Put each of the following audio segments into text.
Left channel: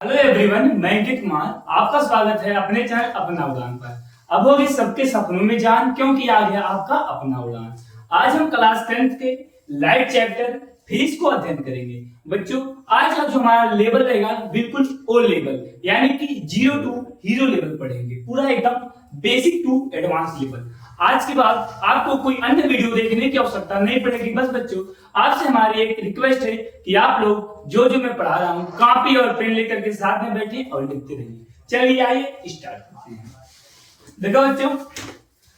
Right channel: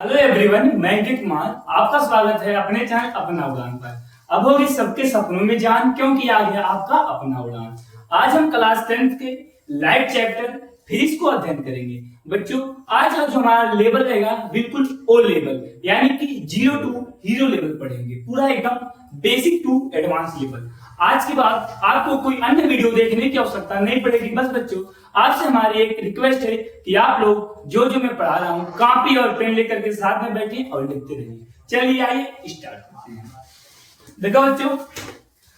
Hello everyone, मैं अंकित कुमार। आपका स्वागत है अपने चैनल अपना उड़ान पर। अब होगी सबके सपनों में जान, क्योंकि आ गया आपका अपना उड़ान। आज हम क्लास 10th के लाइफ चैप्टर फिजिक्स को अध्ययन करेंगे। बच्चों, आज का जो हमारा लेवल रहेगा बिल्कुल ओ लेवल, यानी कि 0 टू हीरो लेवल पढ़ेंगे, पूरा एकदम बेसिक टू एडवांस लेवल। आज के बाद आपको कोई अन्य वीडियो देखने की आवश्यकता नहीं पड़ेगी। बस बच्चों, आपसे हमारी एक रिक्वेस्ट है कि आप लोग जो जो मैं पढ़ा रहा हूँ कॉपी और पेन लेकर के साथ में बैठिए और लिखते रहिए। चलिए आइए स्टार्ट करते हैं। देखो बच्चों,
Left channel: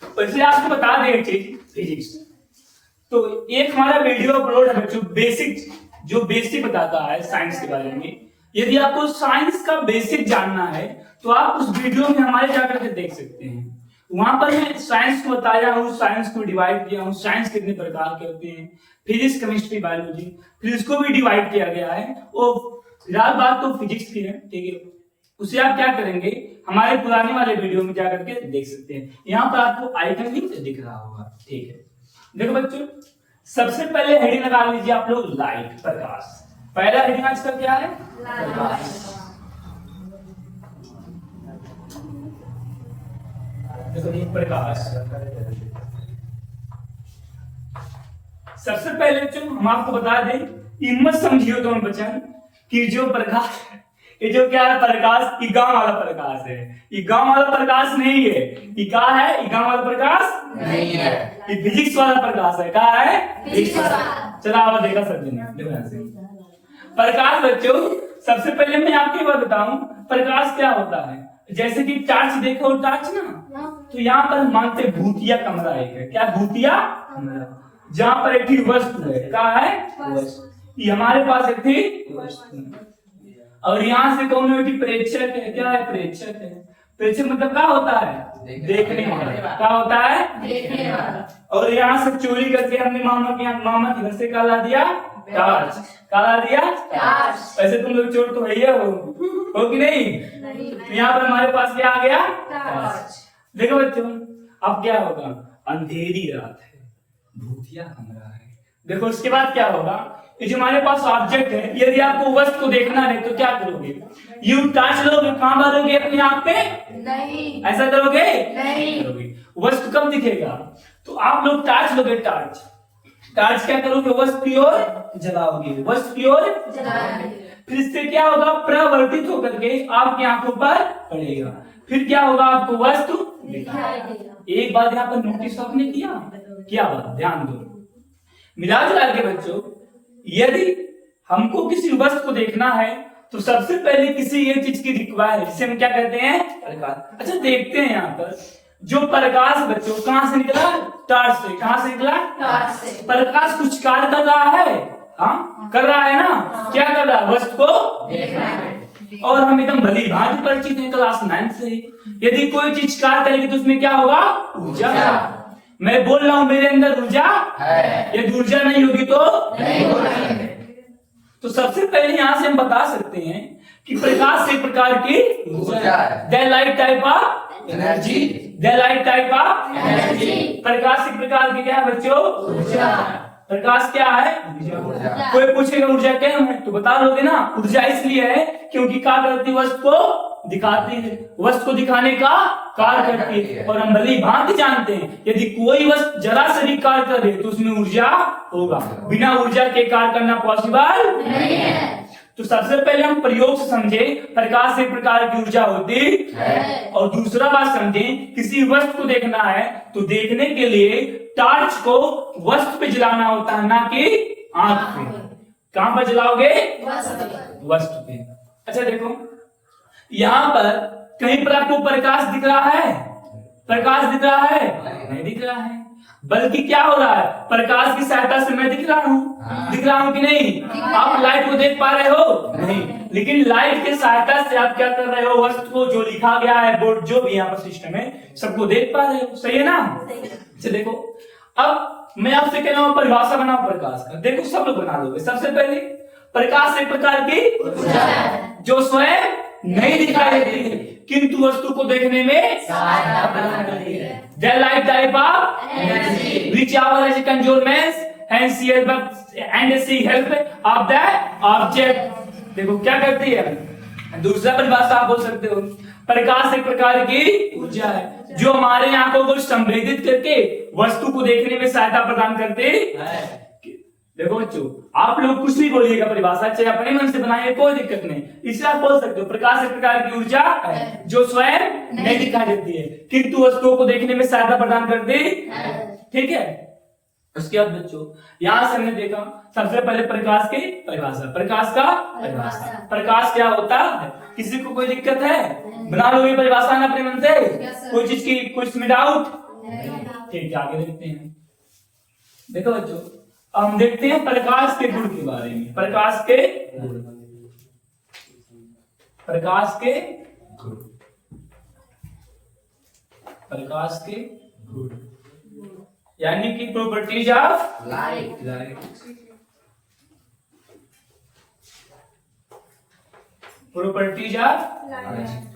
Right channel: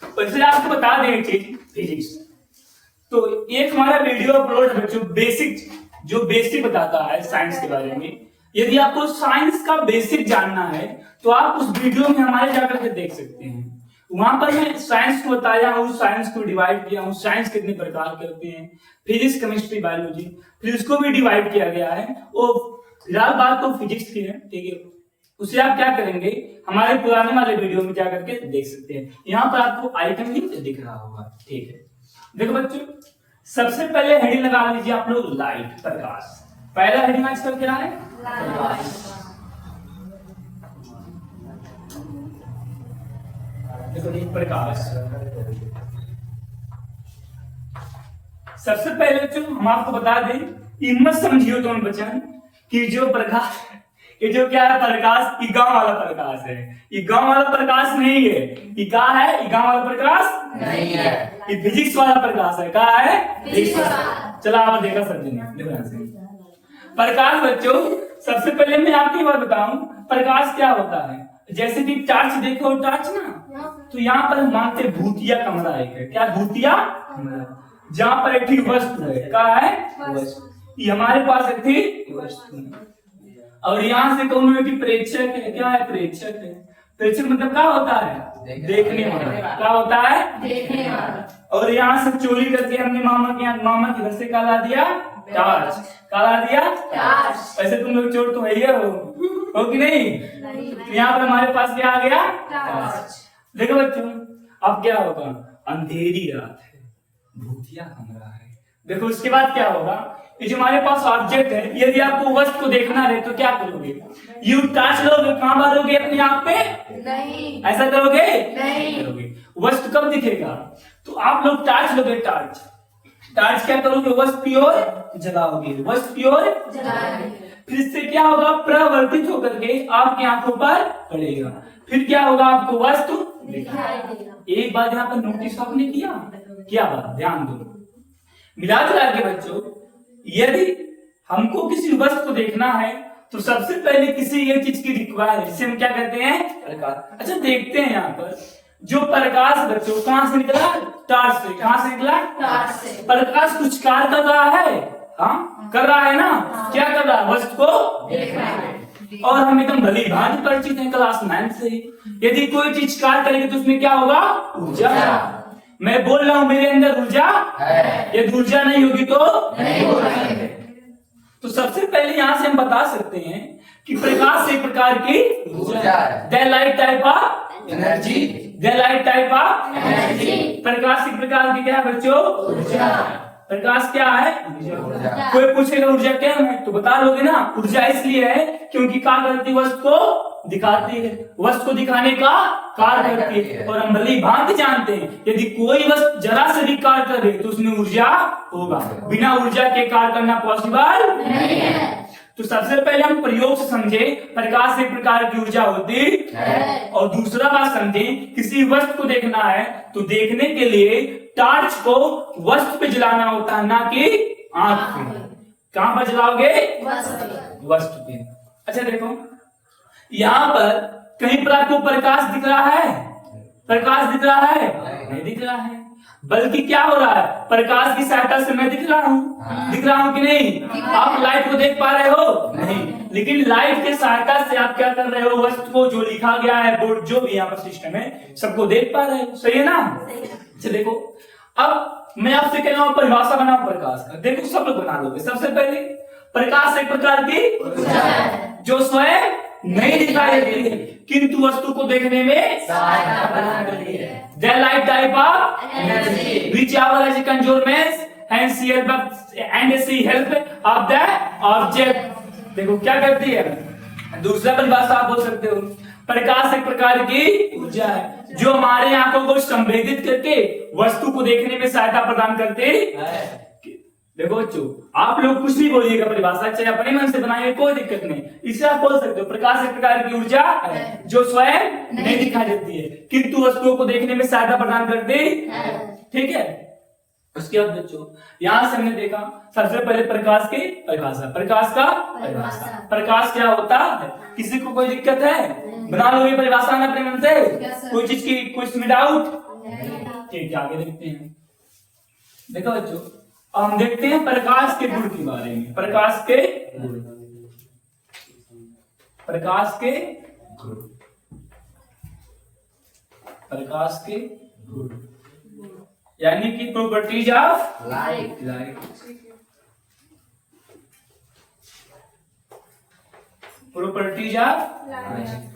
पहले आपको बता दें एक चीज, फिजिक्स तो एक हमारा वीडियो अपलोड है बच्चों, बेसिक बताता है साइंस के बारे में। यदि आपको साइंस का बेसिक जानना है तो आप उस वीडियो में हमारे जाकर के देख सकते हैं। वहां पर मैं साइंस को बताया हूँ, साइंस को डिवाइड किया हूँ, साइंस कितने प्रकार के होते हैं, फिजिक्स, केमिस्ट्री, बायोलॉजी, फिर इसको भी डिवाइड किया गया है। वो फिलहाल बात तो फिजिक्स की है, ठीक है। उसे आप क्या करेंगे, हमारे पुराने वाले वीडियो में जाकर के देख सकते हैं। यहाँ पर आपको आइकन भी दिख रहा होगा, ठीक है। देखो बच्चों, सबसे पहले हेडिंग लगा लीजिए आप लोग, लाइट, प्रकाश। पहला हेडिंग आज का क्या है? प्रकाश। प्रकाश। सबसे पहले जो हम आपको बता दें, हिम्मत समझियो तुम बचन कि जो प्रकाश, ये जो क्या है प्रकाश, ये गांव वाला प्रकाश है। ये गांव वाला प्रकाश नहीं है। ये क्या है? ये गांव वाला प्रकाश नहीं है। ये फिजिक्स वाला प्रकाश है। क्या है? फिजिक्स वाला। चलो आप देखा समझे नहीं। प्रकाश बच्चों, सबसे पहले मैं आपको बात बताऊं, प्रकाश क्या होता है। जैसे कि टार्च देखो, टार्च ना, तो यहाँ पर हम मानते भूतिया कमरा एक है। क्या भूतिया कमरा? जहां पर एक थी वस्तु है। क्या है? वस्तु। ये हमारे पास एक थी वस्तु, और यहाँ से कौन है? प्रेक्षक है। क्या है? प्रेक्षक है। प्रेक्षक मतलब क्या होता है? देखने वाला। क्या होता है? देखने वाला। और यहाँ से चोरी करके हमने मामा के घर से क्या ला दिया? टार्च। क्या ला दिया? टार्च। वैसे तुम लोग चोर तो है ही हो कि नहीं? यहाँ पर हमारे पास क्या आ गया? टार्च। देखो बच्चों, अब क्या होगा? अंधेरी रात है, भूतिया कमरा है। देखो इसके बाद क्या होगा, ये जो हमारे पास ऑब्जेक्ट है, यदि आपको वस्तु को देखना है तो क्या करोगे? यू टार्च लोगे, कहां मारोगे? अपने आप पे नहीं। ऐसा करोगे? नहीं करोगे। वस्तु कब दिखेगा? तो आप लोग टार्च लोगे। टार्च क्या करोगे? वस्तु की ओर जलाओगे। वस्तु की ओर जलाओगे। फिर इससे क्या होगा? प्रवर्तित होकर के आपकी आंखों पर पड़ेगा। फिर क्या होगा? आपको वस्तु दिखाई देगा। एक बात यहाँ पर नोटिस आपने किया? क्या बात? ध्यान दो। मिला जुला के बच्चों, यदि हमको किसी वस्तु को देखना है तो सबसे पहले किसी एक चीज की रिक्वायर, जिसे हम क्या कहते हैं? प्रकाश। अच्छा देखते हैं यहाँ पर जो प्रकाश बच्चों कहां से निकला? टार्च से। कहां से निकला? टार्च से। प्रकाश कुछ कार्य कर रहा है। हाँ, कर रहा है ना। क्या कर रहा है? वस्तु को देखना है। और हम एकदम भली भांति परिचित हैं क्लास 9 से। यदि कोई चीज कार्य करेगी तो उसमें क्या होगा? ऊर्जा। मैं बोल रहा हूं मेरे अंदर ऊर्जा है। यदि ऊर्जा नहीं होगी तो नहीं होगी। तो सबसे पहले यहां से हम बता सकते हैं कि प्रकाश एक प्रकार की ऊर्जा है। The light type of energy. The light type of energy. प्रकाश एक प्रकार की क्या है बच्चों? ऊर्जा। प्रकाश क्या है? ऊर्जा। कोई पूछेगा ऊर्जा क्या है तो बता लोगे ना। ऊर्जा इसलिए है क्योंकि क्या करती है? वस्तु को दिखाती है। वस्तु को दिखाने का कार्य करती है। और हम भली भांति जानते हैं यदि कोई वस्तु जरा से भी कार्य करे तो उसमें ऊर्जा होगा। बिना ऊर्जा के कार्य करना पॉसिबल नहीं है। तो सबसे पहले हम प्रयोग से समझे प्रकाश एक प्रकार की ऊर्जा होती है। और दूसरा बात समझे, किसी वस्तु को देखना है तो देखने के लिए टार्च को वस्तु पे जलाना होता है, ना कि आंख पे। कहां पर जलाओगे? वस्तु पे। अच्छा देखो, यहाँ पर कहीं पर आपको प्रकाश दिख रहा है? प्रकाश दिख रहा है? नहीं दिख रहा है। बल्कि क्या हो रहा है? प्रकाश की सहायता से मैं दिख रहा हूँ। दिख रहा हूँ कि नहीं? आप लाइट को देख पा रहे हो? नहीं। लेकिन लाइट की सहायता से आप क्या कर रहे हो? वस्तु को जो लिखा गया है, बोर्ड जो भी यहाँ पर सिस्टम है, सबको देख पा रहे हो। सही है ना? अच्छा देखो, अब मैं आपसे कह रहा हूँ परिभाषा बनाओ प्रकाश का। देखो सब लोग बना लोगे। सबसे पहले प्रकाश एक प्रकार की जो स्वयं नहीं दिखाई देती है किंतु वस्तु को देखने में सहायता करती है। The light type of energy which our as conjurements and she help of the object। देखो क्या करती है? दूसरा परिभाषा आप बोल सकते हो, प्रकाश एक प्रकार की ऊर्जा है जो हमारे आंखों को संवेदित करके वस्तु को देखने में सहायता प्रदान करते है। देखो बच्चों, आप लोग कुछ भी बोलिएगा परिभाषा, चाहे अपने मन से बनाइए, कोई दिक्कत नहीं, इसे आप बोल सकते हो प्रकाश एक प्रकार की ऊर्जा है जो स्वयं नहीं दिखाई देती है किंतु वस्तुओं को देखने में सहायता प्रदान करती है। ठीक है, उसके बाद बच्चों यहां से हमने देखा सबसे पहले प्रकाश की परिभाषा, प्रकाश का परिभाषा, प्रकाश क्या होता है, किसी को कोई दिक्कत है, बना लोगे परिभाषा ना अपने मन से, कोई चीज की कोई डाउट? ठीक है, आगे देखते हैं। देखो बच्चों, हम देखते हैं प्रकाश के गुण के बारे में, प्रकाश के गुण, प्रकाश के गुण, प्रकाश के गुण यानी कि properties of light, properties of light.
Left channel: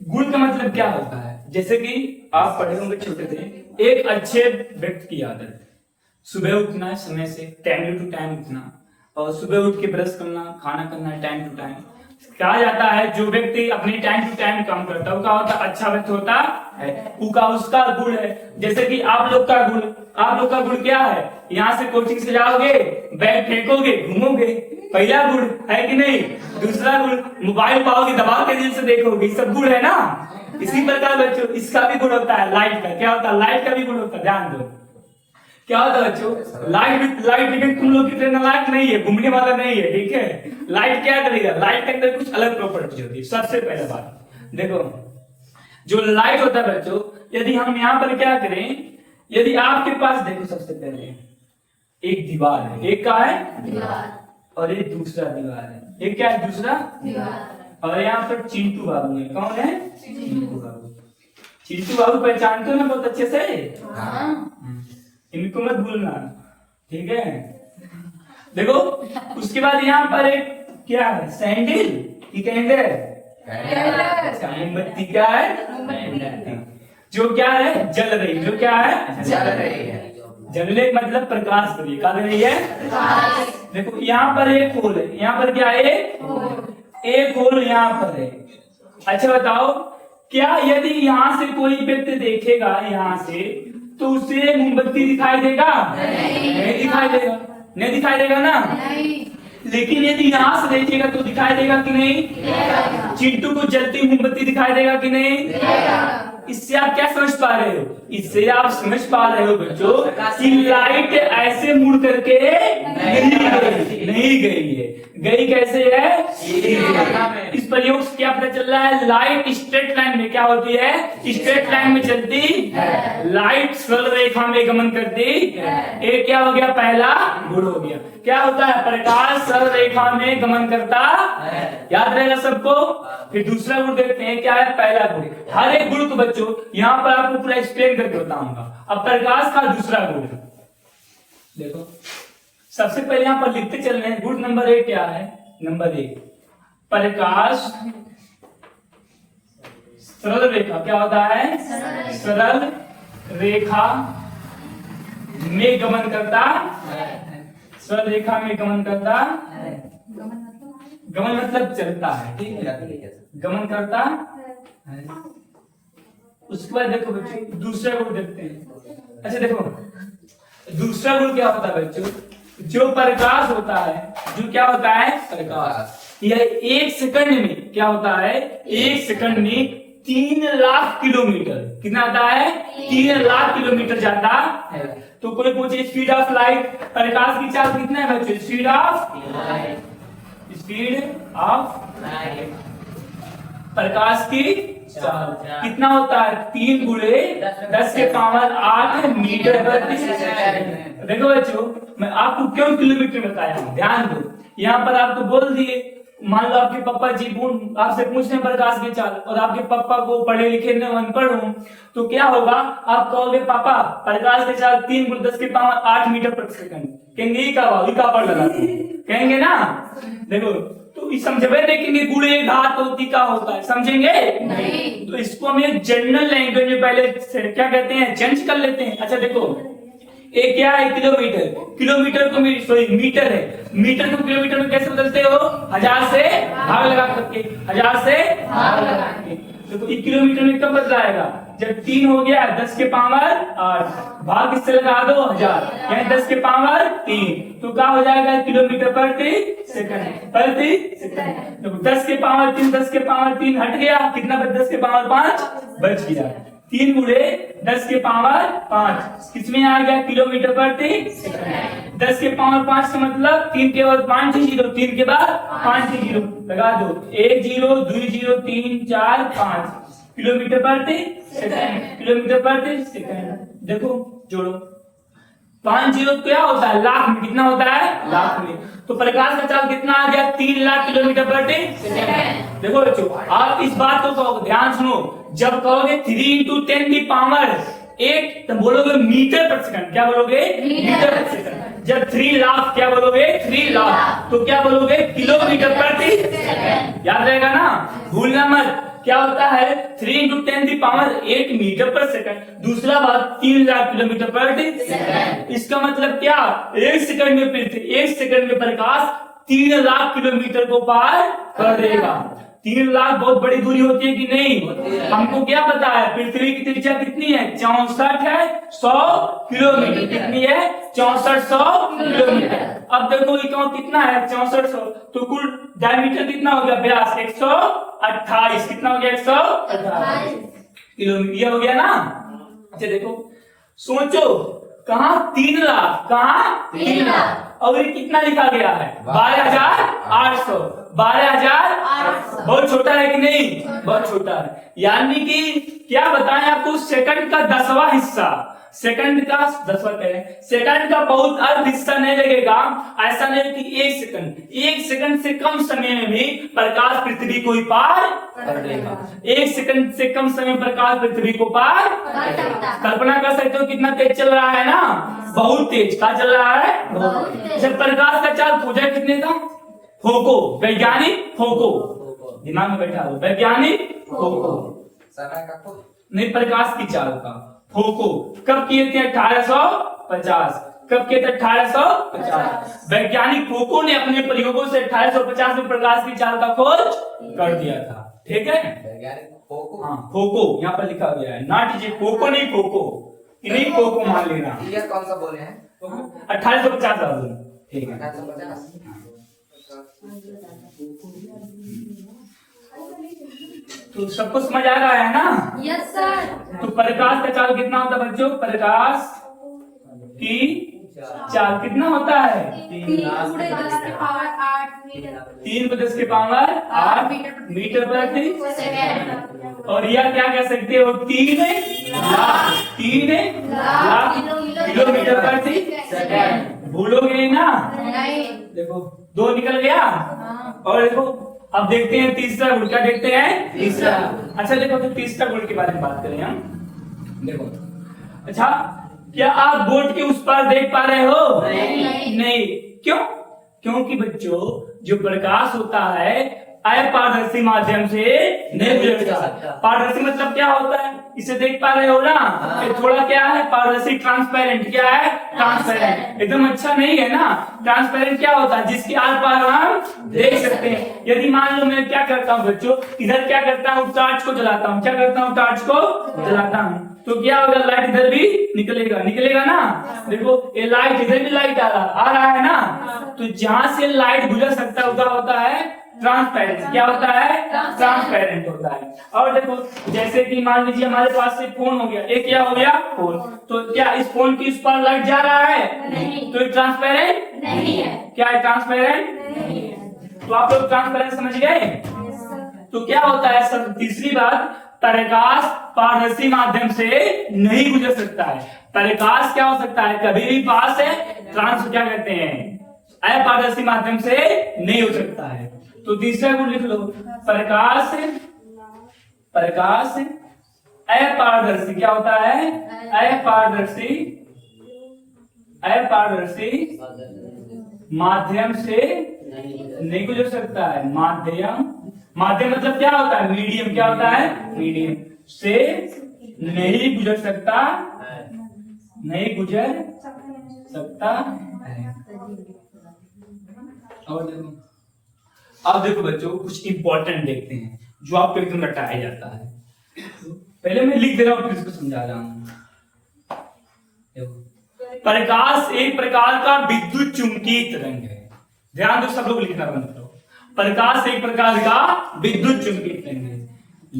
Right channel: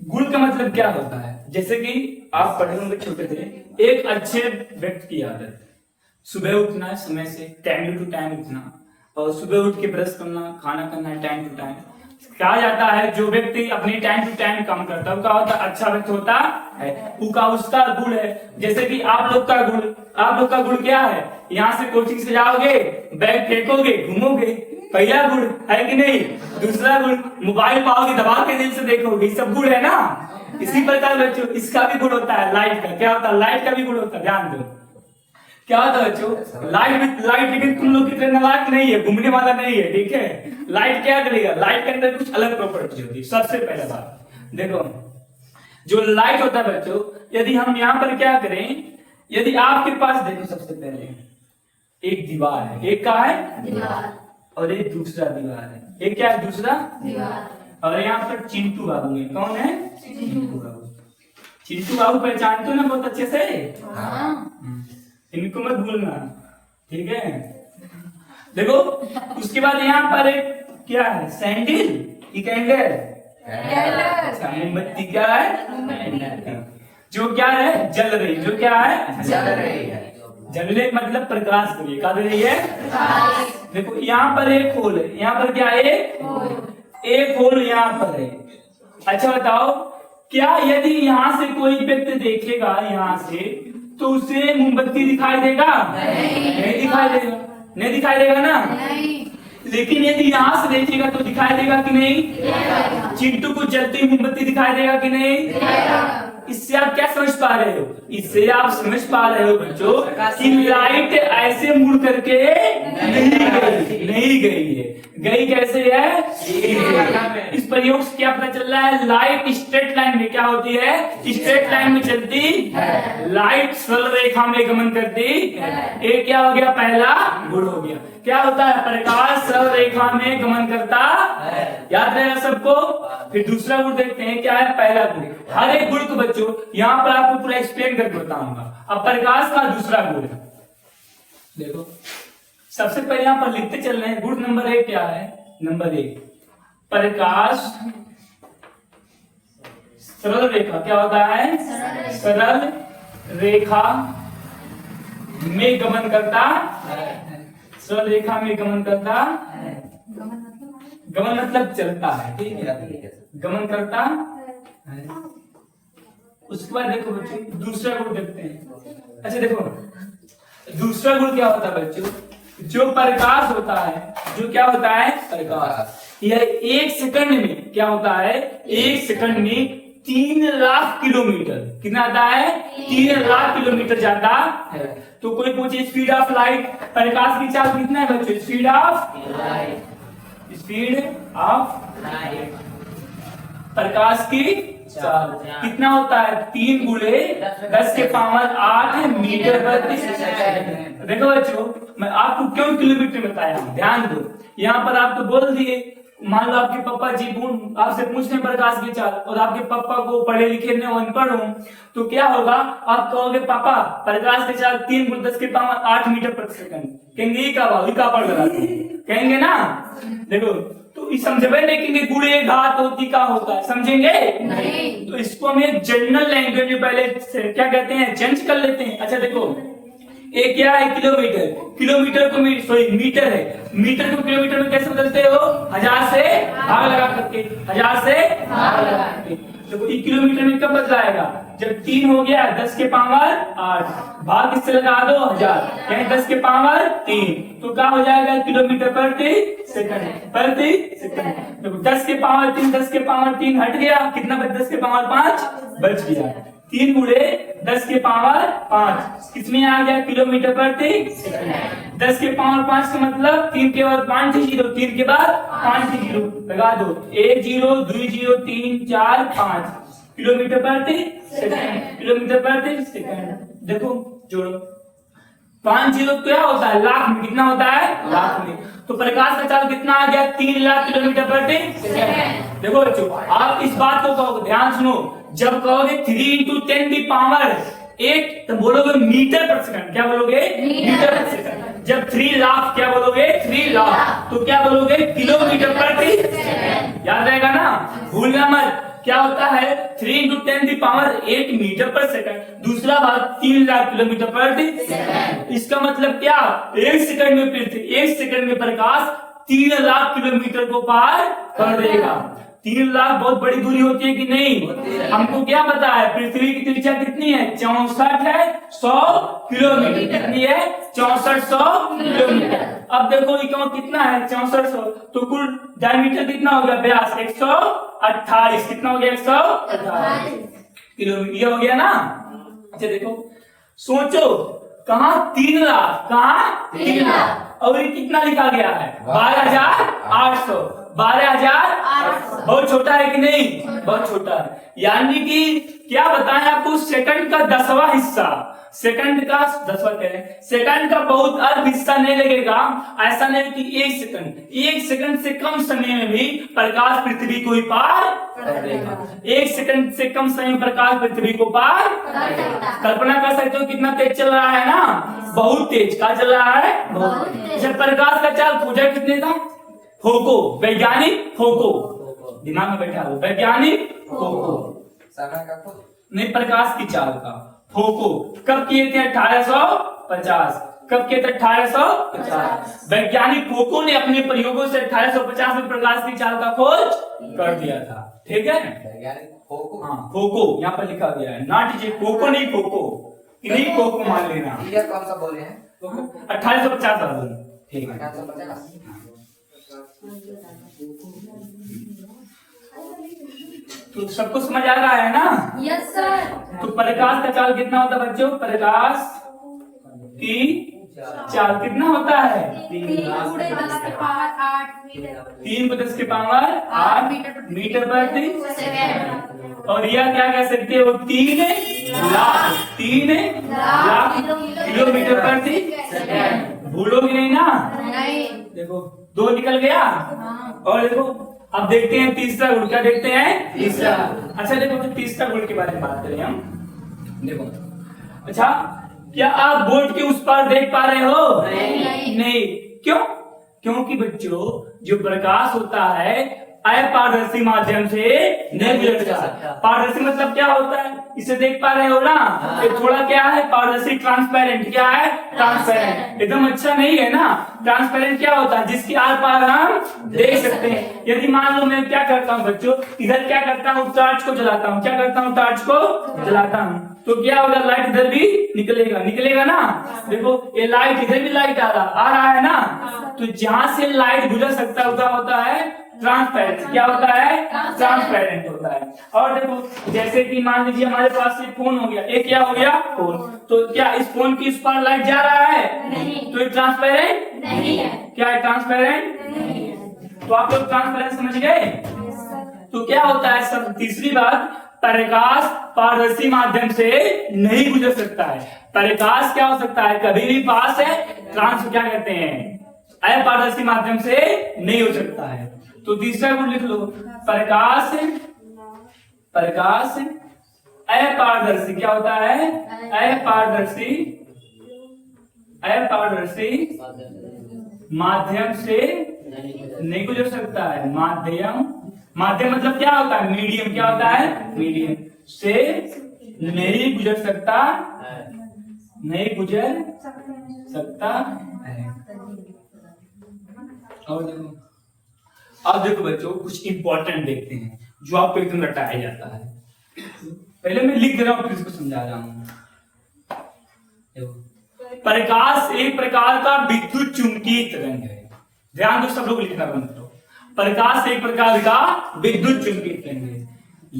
गुण का मतलब क्या होता है, जैसे कि आप पढ़े होंगे छोटे थे, एक अच्छे व्यक्ति की आदत, सुबह उठना समय से, टाइम टू टाइम उठना, और सुबह उठ के ब्रश करना, खाना करना टाइम टू टाइम। कहा जाता है जो व्यक्ति अपने टाइम टू टाइम काम करता है, वो क्या होता है, अच्छा व्यक्ति होता है, उसका गुण है। जैसे कि आप लोग का गुण क्या है, यहाँ से कोचिंग से जाओगे, बैग फेंकोगे, घूमोगे, पहला गुण है कि नहीं। दूसरा गुण, मोबाइल पाओगे, दबा के दिल से देखोगे, सब गुण है ना। इसी प्रकार बच्चों इसका भी गुण होता है, लाइट का। क्या होता है, लाइट का भी गुण होता है, ध्यान दो। क्या होता है बच्चों, लाइट लेकिन तुम लोग की ट्रेन लाइट नहीं है, घूमने वाला नहीं है, ठीक है। लाइट क्या करेगा, लाइट के अंदर कुछ अलग प्रॉपर्टी होती है। सबसे पहले बात देखो, जो लाइट होता है बच्चों, यदि हम यहाँ पर क्या करें, यदि आपके पास देखो, सबसे पहले एक दीवार है, एक क्या है दीवार, और एक दूसरा दीवार है, एक क्या है दूसरा दीवार, और यहाँ पर चिंटू बाबू है। कौन है, चिंटू बाबू। चिंटू बाबू पहचानते हो ना बहुत अच्छे से, इनको मत भूलना, ठीक है। देखो उसके बाद यहाँ पर एक क्या है, सैंडल की कैंडल, मोमबत्ती क्या है, जो क्या है जल रही, जो क्या है जल रही है, जलने मतलब प्रकाश कर रही है, क्या दे रही है। देखो यहाँ पर एक होल है, यहाँ पर क्या है, एक होल यहाँ पर है। अच्छा बताओ, क्या यदि यहाँ से कोई व्यक्ति देखेगा यहाँ से, तो उसे मोमबत्ती दिखाई देगा? नहीं दिखाई देगा, नहीं दिखाई देगा ना। लेकिन यदि यहाँ से देखिएगा तो दिखाई देगा कि नहीं। चिंटू को जलती मोमबत्ती दिखाई देगा कि नहीं। इससे आप क्या समझ पा रहे हो, इससे आप समझ पा रहे हो बच्चों कि लाइट ऐसे मुड़ करके नहीं गई है, गई कैसे है। इस प्रयोग से क्या पता चल रहा है, लाइट स्ट्रेट लाइन में क्या होती है, स्ट्रेट लाइन में चलती है, लाइट सरल रेखा में गमन करती है। एक क्या हो गया, पहला गुण हो गया। क्या होता है, प्रकाश सरल रेखा में गमन करता है, याद रहेगा सबको। फिर दूसरा गुण देखते हैं, क्या है, पहला गुण। हर एक गुण को बच्चों यहाँ पर आपको पूरा एक्सप्लेन करके बताऊंगा। अब प्रकाश का दूसरा गुण देखो, सबसे पहले यहाँ पर लिखते चल रहे हैं। गुण नंबर 1 क्या है, नंबर 1 प्रकाश सरल रेखा, क्या होता है, सरल रेखा में गमन करता, सरल रेखा में गमन करता, गमन मतलब चलता है, ठीक है, गमन करता है। उसके बाद देखो बच्चों दूसरा गुण देखते हैं। अच्छा देखो दूसरा गुण क्या होता है बच्चों, जो प्रकाश होता है, जो क्या होता है, प्रकाश, यह 1 सेकंड में क्या होता है, 1 सेकंड में 3 लाख किलोमीटर, कितना आता है, 3 लाख किलोमीटर जाता है। तो कोई पूछे स्पीड ऑफ लाइट, प्रकाश की चाल कितना है बच्चों, speed of light, speed of light, प्रकाश की चाल कितना होता है, 3 गुणे 10 के पावर 8 मीटर प्रति सेकंड। देखो बच्चों मैं आपको क्यों किलोमीटर बताया, ध्यान दो। यहाँ पर आपको बोल दिए, मान लो आपके पापा जी आपसे पूछ रहे प्रकाश की चाल, और आपके पापा को पढ़े लिखे न अनपढ़ हो, तो क्या होगा, आप कहोगे पापा प्रकाश की चाल 3 गुणे 10 के पावर 8 मीटर प्रति सेकंड, कहेंगे का पढ़ लगा, कहेंगे ना। देखो तो समझे, लेकिन गुणे घात होती का होता है, समझेंगे नहीं। तो इसको हम एक जनरल लैंग्वेज में पहले क्या कहते हैं, चेंज कर लेते हैं। अच्छा देखो एक क्या है किलोमीटर, किलोमीटर को सॉरी मीटर है, मीटर को किलोमीटर में कैसे बदलते हो, 1000 से भाग लगा करके, 1000 से भाग लगा करके। देखो 1 किलोमीटर में कब बदलाएगा, जब 3 हो गया 10 के पावर 8, भाग किससे लगा दो 1000, यानी 10 के पावर 3, तो क्या हो जाएगा किलोमीटर प्रति सेकंड, प्रति सेकंड। तो 10 के पावर 3, 10 के पावर 3 हट गया, कितना बच, 10 के पावर 5 बच गया, 3 गुणे 10 के पावर 5 किसमें आ गया, किलोमीटर प्रति सेकंड। 10 के पावर 5 का मतलब 3 के बाद 5 जीरो, 3 के बाद 5 जीरो लगा दो, 1 जीरो 2 जीरो 3 4 5 किलोमीटर प्रति सेकंड, किलोमीटर प्रति सेकंड। देखो जोड़ो, 5 जीरो क्या होता है, लाख में, कितना होता है, लाख में। तो प्रकाश का चाल कितना आ गया, 3 लाख किलोमीटर प्रति सेकंड। देखो बच्चों आप इस बात को कहो, ध्यान सुनो, जब कहोगे 3 × 10⁻⁸ तो बोलोगे मीटर पर सेकंड, क्या बोलोगे, मीटर पर सेकंड। जब 3 लाख क्या बोलोगे, 3 लाख, तो क्या बोलोगे, किलोमीटर प्रति सेकंड। याद रहेगा ना, भूलना मत। क्या होता है 3 × 10⁸ मीटर पर सेकंड, दूसरा बात 3 लाख किलोमीटर प्रति सेकंड। इसका मतलब क्या, 1 सेकंड में पृथ्वी, 1 सेकंड में प्रकाश 3 लाख किलोमीटर को पार कर देगा। 3 लाख बहुत बड़ी दूरी होती है कि नहीं, हमको क्या पता है, पृथ्वी की त्रिज्या कितनी है, 64 है 100 किलोमीटर, कितनी है 6400 किलोमीटर। अब देखो कितना है 6400, तो कुल डायमीटर कितना हो गया, व्यास 128, कितना हो गया 128 किलोमीटर, ये हो गया ना। अच्छा देखो सोचो, कहा 3 लाख, कहा 3 लाख, और ये कितना लिखा गया है 12800, 12800 बहुत छोटा है कि नहीं, बहुत छोटा है। यानी कि क्या बताएं आपको, सेकंड का 10वां हिस्सा, सेकंड का 10वां करें, सेकंड का बहुत अर्ध हिस्सा नहीं लगेगा। ऐसा नहीं कि 1 सेकंड से कम समय में भी प्रकाश पृथ्वी को ही पार कर देगा। 1 सेकंड से कम समय में प्रकाश पृथ्वी को पार, कल्पना कर सकते हो कितना तेज चल रहा है ना, बहुत तेज। क्या चल रहा है, बहुत तेज। जब प्रकाश का चाल पूछा कितने था, फोको, वैज्ञानिक फोको, दिमाग में बैठा हो, वैज्ञानिक फोको, समय का नहीं, प्रकाश की चाल का फोको कब किए थे, 1850। कब किए थे, 1850। वैज्ञानिक फोको ने अपने प्रयोगों से 1850 में प्रकाश की चाल का खोज कर दिया था। ठीक है, वैज्ञानिक फोको, हाँ फोको यहाँ पर लिखा गया है, नॉट जी फोको, नहीं फोको, नहीं फोको मान लेना। ये कौन सा बोले हैं, 1850 वाला। ठीक है, 1850। तो सबको समझ आ रहा है ना? Yes sir. तो प्रकाश का चाल कितना होता है बच्चों, प्रकाश की चाल कितना होता है, 3 × 10 के पावर 8 मीटर प्रति सेकंड। और यह क्या कह सकते हो, 3 लाख किलोमीटर प्रति सेकंड। भूलोगे नहीं ना, नहीं। देखो 2 निकल गया, और देखो अब देखते हैं तीसरा गुण, क्या देखते हैं, तीसरा। अच्छा देखो, तो तीसरा गुण के बारे में बात करें हम। देखो अच्छा, क्या आप बोर्ड के उस पार देख पा रहे हो, नहीं। क्यों, क्योंकि बच्चों जो प्रकाश होता है अपारदर्शी माध्यम से नहीं गुजर सकता। पारदर्शी मतलब क्या होता है, इसे देख पा रहे हो ना, ये थोड़ा क्या है, पारदर्शी, ट्रांसपेरेंट, क्या है, ट्रांसपेरेंट, एकदम अच्छा नहीं है ना। ट्रांसपेरेंट क्या होता है, जिसके आर पार हम देख सकते हैं। यदि मान लो मैं क्या करता हूँ बच्चों, इधर क्या करता हूँ, टॉर्च को जलाता हूँ, क्या करता हूँ, टॉर्च को जलाता हूँ, तो क्या होगा, लाइट इधर भी निकलेगा ना। देखो ये लाइट, इधर भी लाइट आ रहा है ना, तो जहां से लाइट गुजर सकता होता है ट्रांसपेरेंट। क्या होता है, ट्रांसपेरेंट होता है। और देखो जैसे कि मान लीजिए हमारे पास एक फोन हो गया, एक क्या हो गया, फोन, तो क्या इस फोन की उस पर लाइट जा रहा है, नहीं, तो ये ट्रांसपेरेंट नहीं है। क्या है, ट्रांसपेरेंट नहीं है। तो आप लोग ट्रांसपेरेंट समझ गए। तो क्या होता है सब, तीसरी बात, प्रकाश पारदर्शी माध्यम से नहीं गुजर सकता है। प्रकाश क्या हो सकता है, कभी भी पास है, ट्रांस क्या कहते हैं, अपारदर्शी माध्यम से नहीं हो सकता है। तो तीसरा गुण लिख लो, प्रकाश अपारदर्शी, क्या होता है, अपारदर्शी माध्यम से नहीं गुजर सकता है। माध्यम मतलब क्या होता है, मीडियम, क्या होता है, मीडियम से नहीं गुजर सकता, नहीं गुजर सकता है। अब देखो बच्चों, कुछ इंपॉर्टेंट देखते हैं जो आपको एकदम रटाया जाता है। पहले मैं लिख दे रहा हूं, फिर इसको समझा रहा हूं। प्रकाश एक प्रकार का विद्युत चुंबकीय तरंग है। ध्यान दो, सब लोग लिखना बंद करो। प्रकाश एक प्रकार का विद्युत चुंबकीय तरंग है।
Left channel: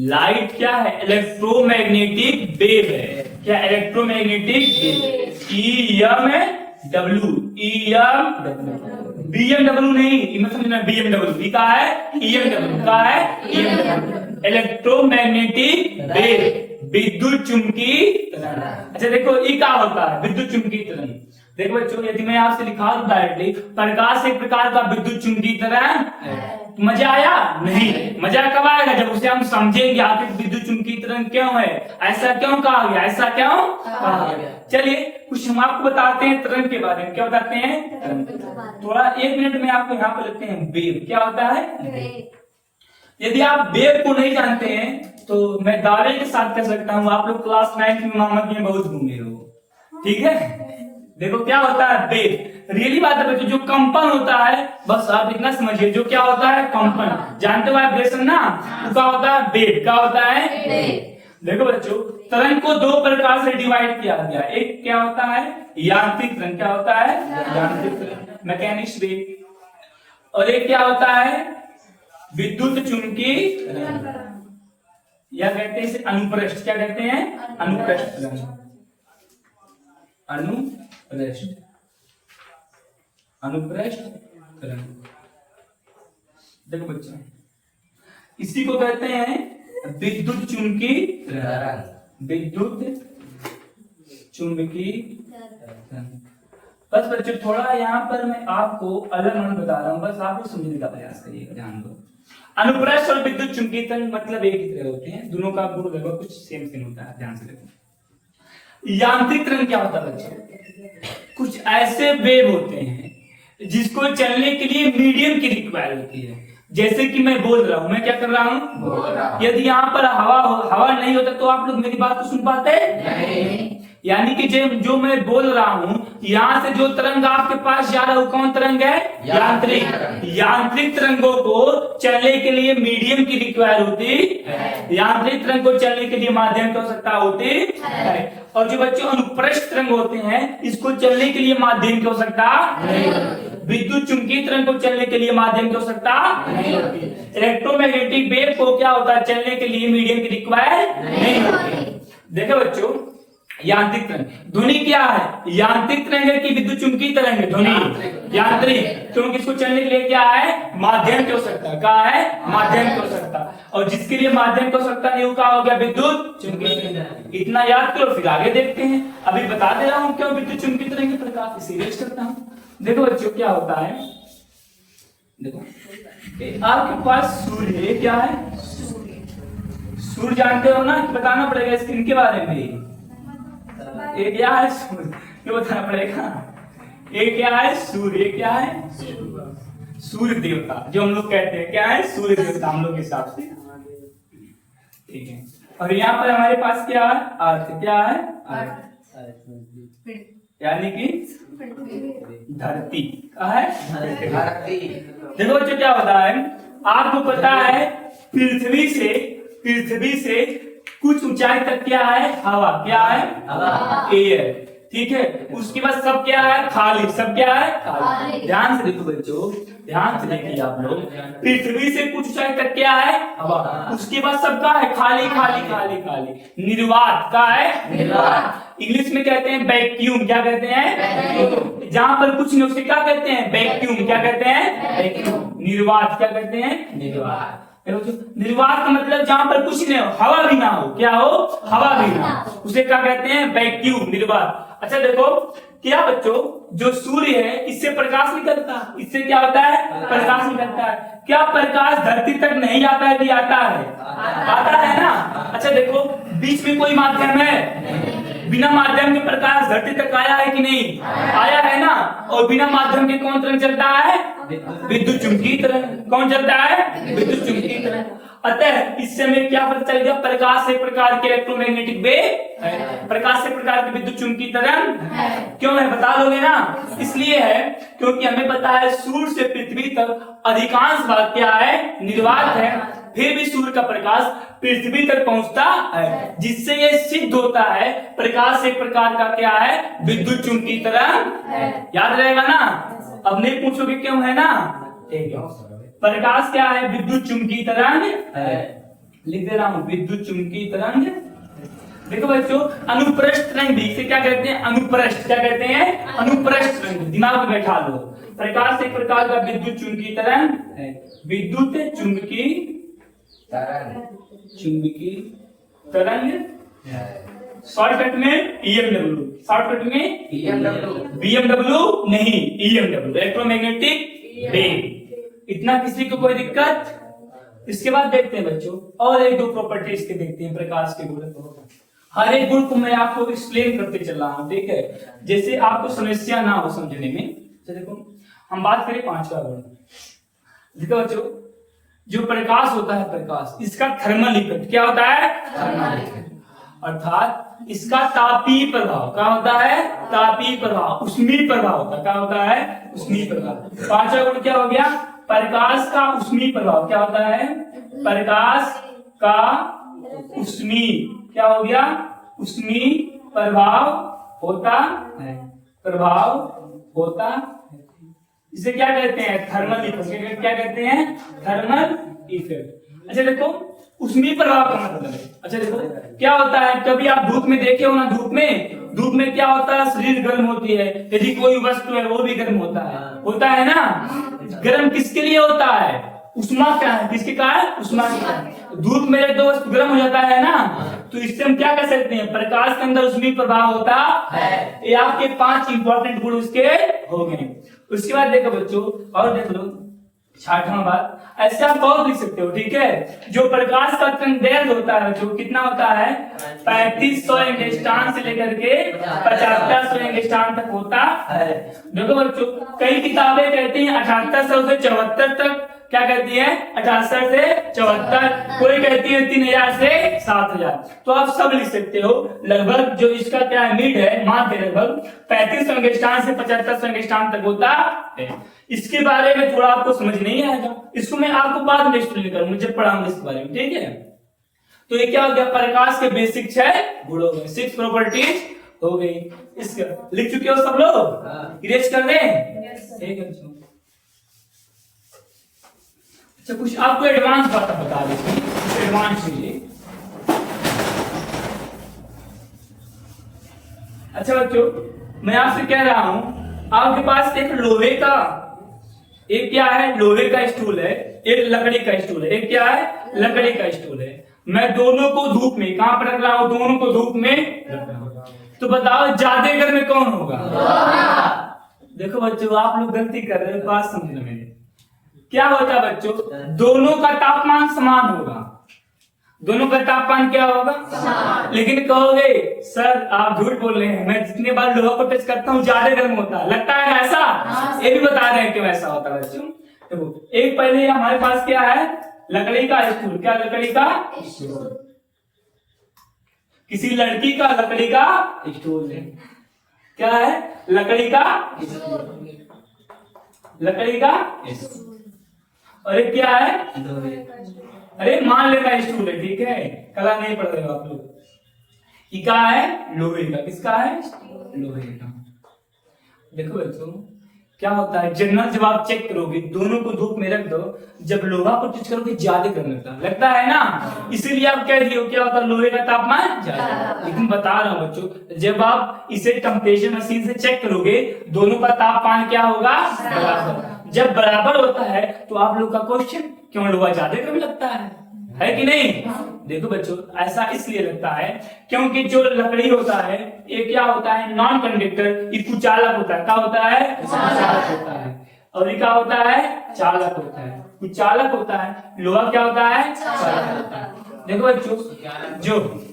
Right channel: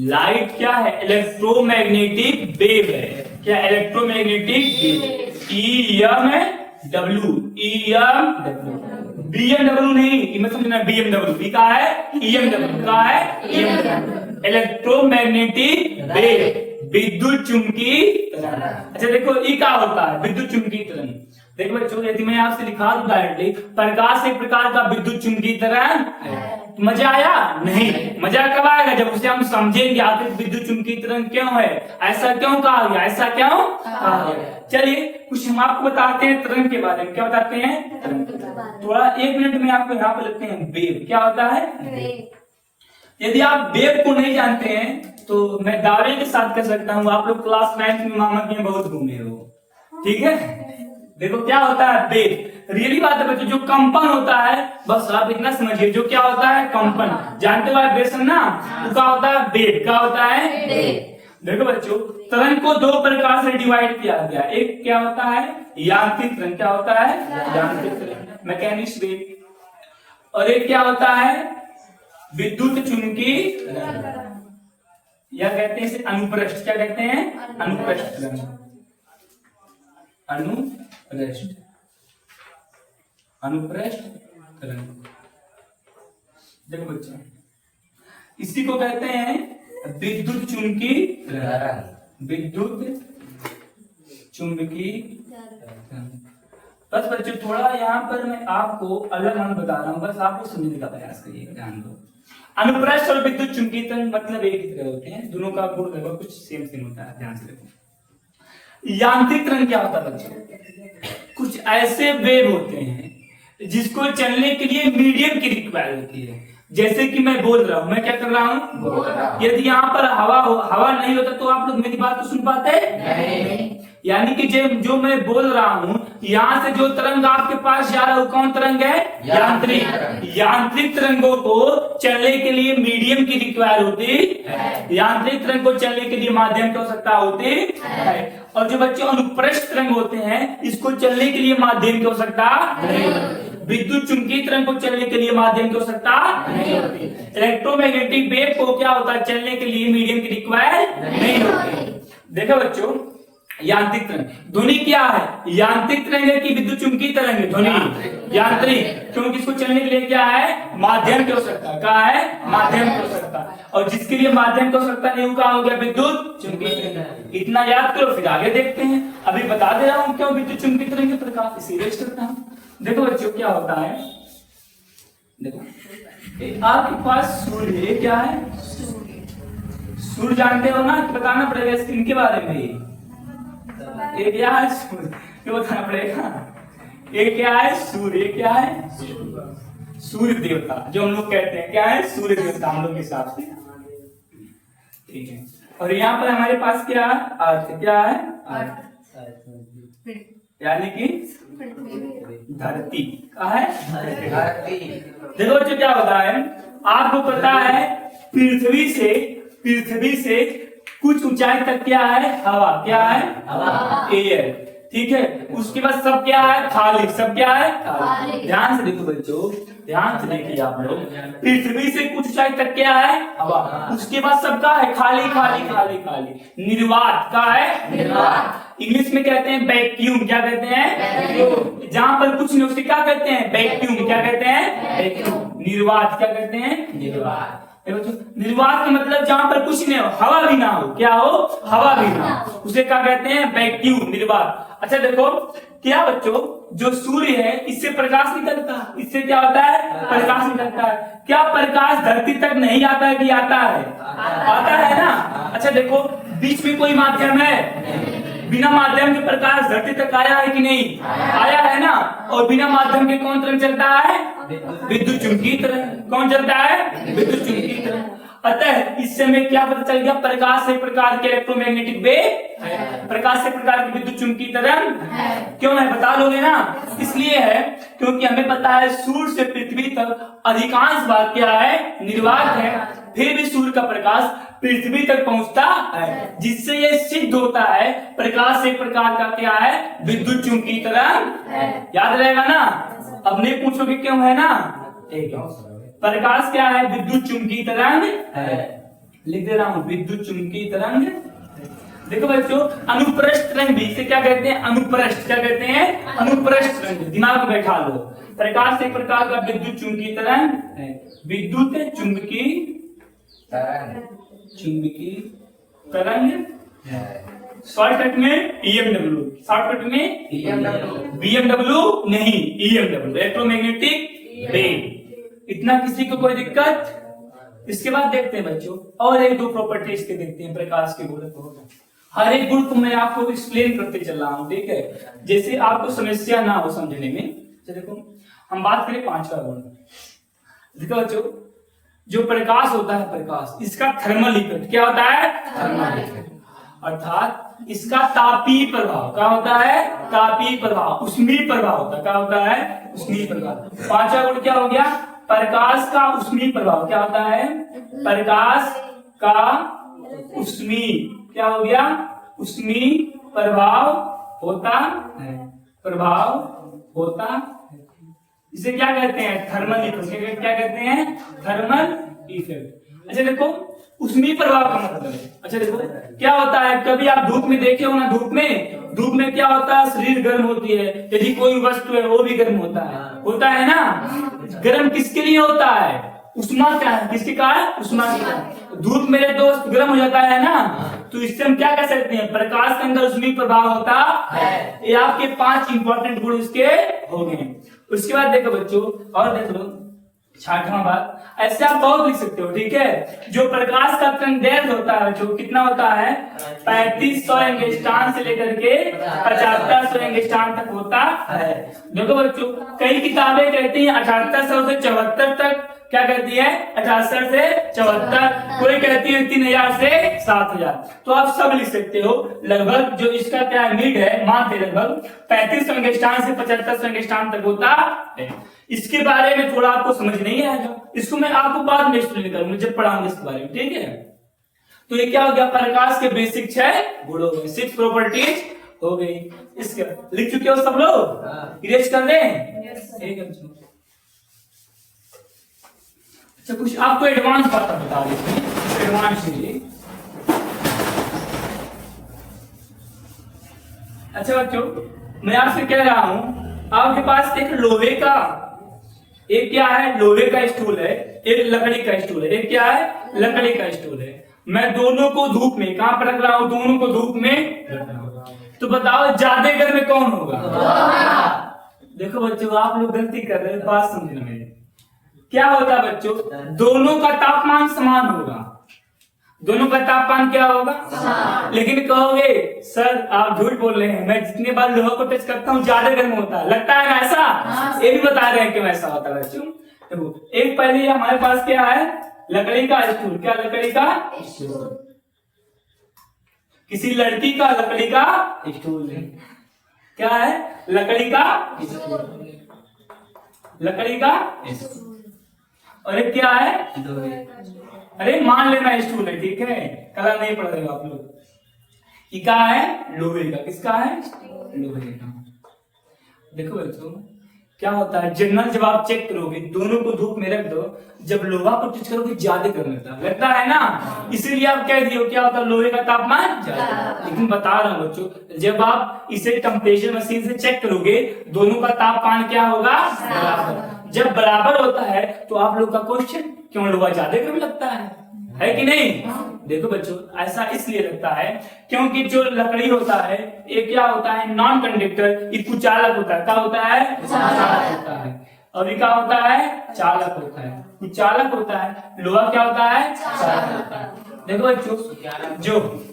लाइट क्या है? इलेक्ट्रोमैग्नेटिक वेव है। क्या? Electromagnetic wave. EMW, BMW नहीं, मत समझना, BMW का है, EMW का है, इलेक्ट्रोमैग्नेटिक वेव, विद्युत चुंबकीय तरंग। अच्छा देखो, ये क्या होता है? विद्युत चुंबकीय तरंग। देखो बच्चों, यदि मैं आपसे लिखा दूं डायरेक्टली, प्रकाश एक प्रकार का विद्युत चुंबकीय तरंग है, तो मजा आया? नहीं। मजा कब आएगा? जब उसे हम समझेंगे आखिर विद्युत चुंबकीय तरंग क्यों है, ऐसा क्यों कहा गया, ऐसा क्यों कहा गया। चलिए कुछ हम आपको बताते हैं तरंग के बारे में। क्या बताते हैं? थोड़ा 1 मिनट में आपको यहाँ पे लगते हैं वेव। क्या होता है? यदि आप वेव को नहीं जानते हैं तो मैं दावे के साथ कह सकता हूँ आप लोग क्लास 9 में मोहम्मद में बहुत घूमे हो। ठीक है, देखो क्या होता है वेव। रियली बात है बच्चों, जो कंपन होता है, बस आप इतना समझिए, जो क्या होता है कंपन, जानते हो वाइब्रेशन ना, तो क्या होता है वेव। क्या होता है? देखो बच्चों, तरंग को 2 प्रकार से डिवाइड किया गया। एक क्या होता है? यांत्रिक तरंग। क्या होता है? यांत्रिक तरंग, मैकेनिक्स वेव। और एक क्या होता है? विद्युत चुंबकीय तरंग, या कहते हैं इसे अनुप्रस्थ। क्या कहते हैं? अनुप्रस्थ तरंग। अनुप्रस्थ तरंग। देखो बच्चों, इसी को कहते हैं विद्युत चुंबकीय तरंग। विद्युत चुंबकीय तरंग। बस बच्चों, थोड़ा यहाँ पर मैं आपको अलग मन बता रहा हूँ, बस आपको समझने का प्रयास करिएगा, ध्यान दो। अनुप्रस्थ और विद्युत चुंबकीय तरंग मतलब एक ही तरह होते हैं, दोनों का गुण लगभग कुछ सेम होता है, ध्यान से देखो। यांत्रिक तरंग क्या होता है बच्चों? कुछ ऐसे वेव होते हैं जिसको चलने के लिए मीडियम की रिक्वायर होती है। जैसे कि मैं बोल रहा हूं, मैं क्या कर रहा हूं? यदि यहाँ पर हवा नहीं होता तो आप लोग मेरी बात को सुन पाते नहीं। यानी कि जो मैं बोल रहा हूं, यहाँ से जो तरंग आपके पास जा रहा है वो कौन तरंग है? यांत्रिक। यांत्रिक तरंगों को चलने के लिए मीडियम की रिक्वायर होती है। यांत्रिक तरंग को चलने के लिए माध्यम की आवश्यकता होती है। और जो बच्चों अनुप्रस्थ तरंग होते हैं, इसको चलने के लिए माध्यम की आवश्यकता नहीं होती। विद्युत चुंबकीय तरंग को चलने के लिए माध्यम की आवश्यकता नहीं होती। इलेक्ट्रोमैग्नेटिक वेव को क्या होता है? चलने के लिए मीडियम की रिक्वायर नहीं होती। देखो बच्चों, यांत्रिक तरंग, ध्वनि क्या है? यांत्रिक तरंग है कि विद्युत चुंबकीय तरंग है? ध्वनि यांत्रिक, क्योंकि इसको चलने के लिए क्या है? माध्यम की आवश्यकता। क्या है? माध्यम की आवश्यकता। और जिसके लिए माध्यम की आवश्यकता नहीं, क्या हो गया? विद्युत चुंबकीय तरंग। इतना याद करो, फिर आगे देखते हैं। अभी बता दे रहा हूं क्यों विद्युत चुंबकीय तरंग के प्रकार, इसे रेज करता हूं। देखो बच्चों क्या होता है, देखो आपके पास सूर्य है। क्या है? सूर्य जानते हो ना, बताना पड़ेगा स्क्रीन के बारे में। ये क्या है? सूर्य, ये बताना पड़ेगा। ये क्या है? सूर्य। क्या है? सूर्य देवता, जो हम लोग कहते हैं क्या है? सूर्य देवता हम लोग के हिसाब से, ठीक है। और यहाँ पर हमारे पास क्या है? अर्थ। क्या है? अर्थ, यानी कि धरती। क्या है? धरती। देखो बच्चों क्या होता है, आपको पता है पृथ्वी से कुछ ऊंचाई तक क्या है? हवा। क्या है? हवा, एयर। ठीक है, उसके बाद सब क्या है? खाली। सब क्या है? खाली। ध्यान से देखो बच्चों, ध्यान से देखिए आप लोग, पृथ्वी से कुछ ऊंचाई तक क्या है? हवा। उसके बाद सब क्या है? खाली खाली खाली खाली। निर्वात। क्या है? निर्वात। इंग्लिश में कहते हैं वैक्यूम। क्या कहते हैं? जहां पर कुछ नहीं उसे क्या कहते हैं? वैक्यूम। क्या कहते हैं? वैक्यूम। निर्वात। क्या कहते हैं? निर्वात। निर्वात का मतलब जहां पर कुछ नहीं हो, हवा भी ना हो। क्या हो? हवा भी ना हो, उसे क्या कहते हैं? वैक्यूम, निर्वात। अच्छा देखो क्या बच्चों, जो सूर्य है इससे प्रकाश निकलता है। इससे क्या होता है? प्रकाश निकलता है। क्या प्रकाश धरती तक नहीं आता है कि आता है? आता है ना। अच्छा देखो, बीच में कोई माध्यम है? बिना माध्यम के प्रकाश धरती तक आया है कि नहीं? आया है ना। और बिना माध्यम के कौन तरंग चलता है? विद्युत चुंबकीय तरंग। कौन चलता है? विद्युत चुंबकीय तरंग। अतः इससे हमें क्या पता चल गया, प्रकाश एक प्रकार के इलेक्ट्रोमैग्नेटिक वेव है, प्रकाश एक प्रकार की विद्युत चुंबकीय तरंग है। क्यों है बता दोगे ना? इसलिए है क्योंकि हमें पता है सूर्य से पृथ्वी तक अधिकांश भाग क्या है, निर्वात है, फिर भी सूर्य का प्रकाश पृथ्वी तक पहुंचता है, जिससे ये सिद्ध होता है प्रकाश एक प्रकार का क्या है, विद्युत चुंबकीय तरंग। याद रहेगा ना? अब नहीं पूछोगे क्यों है ना? ठीक है, प्रकाश क्या है, विद्युत चुंबकीय तरंग है। लिख दे रहा हूं, विद्युत चुंबकीय तरंग। देखो बच्चों, अनुप्रस्थ तरंग भी इसे क्या कहते हैं, अनुप्रस्थ, क्या कहते हैं, अनुप्रस्थ तरंग, दिमाग में बैठा लो। प्रकाश एक प्रकार का विद्युत चुंबकीय तरंग है, विद्युत चुंबकीय तरंग, शॉर्टकट में ईएमडब्ल्यू, शॉर्टकट में बीएमडब्ल्यू नहीं, ईएमडब्ल्यू, इलेक्ट्रोमैग्नेटिक वेव। इतना किसी को कोई दिक्कत? इसके बाद देखते हैं बच्चों और एक दो प्रॉपर्टीज के देखते हैं प्रकाश के गुण को। हर एक गुण को मैं आपको एक्सप्लेन करते चल रहा हूं, ठीक है, जैसे आपको समस्या ना हो समझने में। तो देखो हम बात करें पांचवा गुण। देखो बच्चों, जो प्रकाश होता है, प्रकाश इसका थर्मल इफेक्ट क्या होता है, थर्मल इफेक्ट, अर्थात इसका तापीय प्रभाव क्या होता है, तापीय प्रभाव, ऊष्मीय प्रभाव होता है, क्या होता है, ऊष्मीय प्रभाव। पांचवा गुण क्या हो गया, प्रकाश का ऊष्मीय प्रभाव क्या होता है, प्रकाश का ऊष्मीय क्या हो गया, ऊष्मीय प्रभाव होता है, प्रभाव होता है। इसे क्या कहते हैं, थर्मल इफेक्ट, क्या कहते हैं, थर्मल इफेक्ट। अच्छा देखो, ऊष्मीय प्रभाव का मतलब है, अच्छा देखो क्या होता है, कभी आप धूप में देखे हो ना, धूप में क्या होता है, शरीर गर्म होती है, यदि कोई वस्तु है वो भी गर्म होता है ना। गर्म किसके लिए होता है, उष्मा क्या है, किसके का है, उष्मा का। धूप में जब वस्तु गर्म हो जाता है ना, तो इससे हम क्या कह सकते हैं, प्रकाश के अंदर ऊष्मीय प्रभाव होता है। ये आपके 5 इंपॉर्टेंट गुण उसके हो गए। उसके बाद देखो बच्चों, और देख लो 6वां बात, ऐसे आप बहुत लिख सकते हो, ठीक है। जो प्रकाश का तरंग होता है, जो कितना होता है, 3500 एंगस्ट्रॉम से लेकर के 7500 एंगस्ट्रॉम तक होता है। देखो बच्चों, कई किताबें कहती हैं 7800 से 74 तक, क्या कहती है, 7800 से 74, कोई कहती है 3000 से 7000। तो आप सब लिख सकते हो, लगभग जो इसका क्या मिड है, माध्य लगभग 3500 एंगस्ट्रॉम से 7500 एंगस्ट्रॉम तक होता है। इसके बारे में थोड़ा आपको समझ नहीं आएगा, इसको मैं आपको बाद में एक्सप्लेन करूंगा जब पढ़ाऊंगा इसके बारे में, ठीक है। तो ये क्या हो गया, प्रकाश के बेसिक 6 गुण हो गए, 6 प्रॉपर्टीज हो गई। इसका लिख चुके हो सब लोग, इरेज कर दें, ठीक है। अच्छा कुछ आपको एडवांस बात बता देते हैं, कुछ एडवांस चीजें। अच्छा बच्चों, मैं आपसे कह रहा हूं, आपके पास एक लोहे का, एक क्या है, लोहे का स्टूल है, एक लकड़ी का स्टूल है, एक क्या है, लकड़ी का स्टूल है। मैं दोनों को धूप में कहां पर रख रहा हूं, दोनों को धूप में रख रहा हूं, तो बताओ ज्यादा गर्म कौन होगा। देखो बच्चों, आप लोग गलती कर रहे हैं, बात समझना मेरी। क्या होता है बच्चों, दोनों का तापमान समान होगा, दोनों का तापमान क्या होगा, लेकिन कहोगे सर आप झूठ बोल रहे हैं, मैं जितने बार लोहा को टच करता हूँ ज्यादा गर्म होता है, लगता है ऐसा, ये भी बता रहे हैं क्यों ऐसा होता है बच्चों। देखो एक पहले हमारे पास क्या है, लकड़ी का स्टूल, क्या लकड़ी का स्टूल, किसी लड़की का लकड़ी का स्टूल है, क्या है, लकड़ी का स्टूल, लकड़ी का स्टूल। और एक क्या है, अरे मान लेना स्टूल है, ठीक है, कला नहीं पढ़ रहे हो आप लोग। ये क्या है, लोहे का, किसका है, लोहे का। देखो बच्चों क्या होता है, जनरल जब आप चेक करोगे, दोनों को धूप में रख दो, जब लोहा को टच करोगे ज्यादा गर्म लगता है ना, इसीलिए आप कह दियो क्या होता है, लोहे का तापमान ज्यादा। लेकिन बता रहा हूं बच्चों, जब आप इसे टेम्परेचर मशीन से चेक करोगे, दोनों का तापमान क्या होगा, बराबर। जब बराबर होता है तो आप लोग का क्वेश्चन, क्यों लोहा ज्यादा गर्म लगता है कि नहीं। देखो बच्चों, ऐसा इसलिए लगता है क्योंकि जो लकड़ी होता है ये क्या होता है, नॉन कंडक्टर, ये कुचालक होता है, क्या होता है, कुचालक होता है। और ये क्या होता है, चालक होता है, कुचालक होता है। लोहा क्या होता है, चालक होता है। देखो बच्चों, जो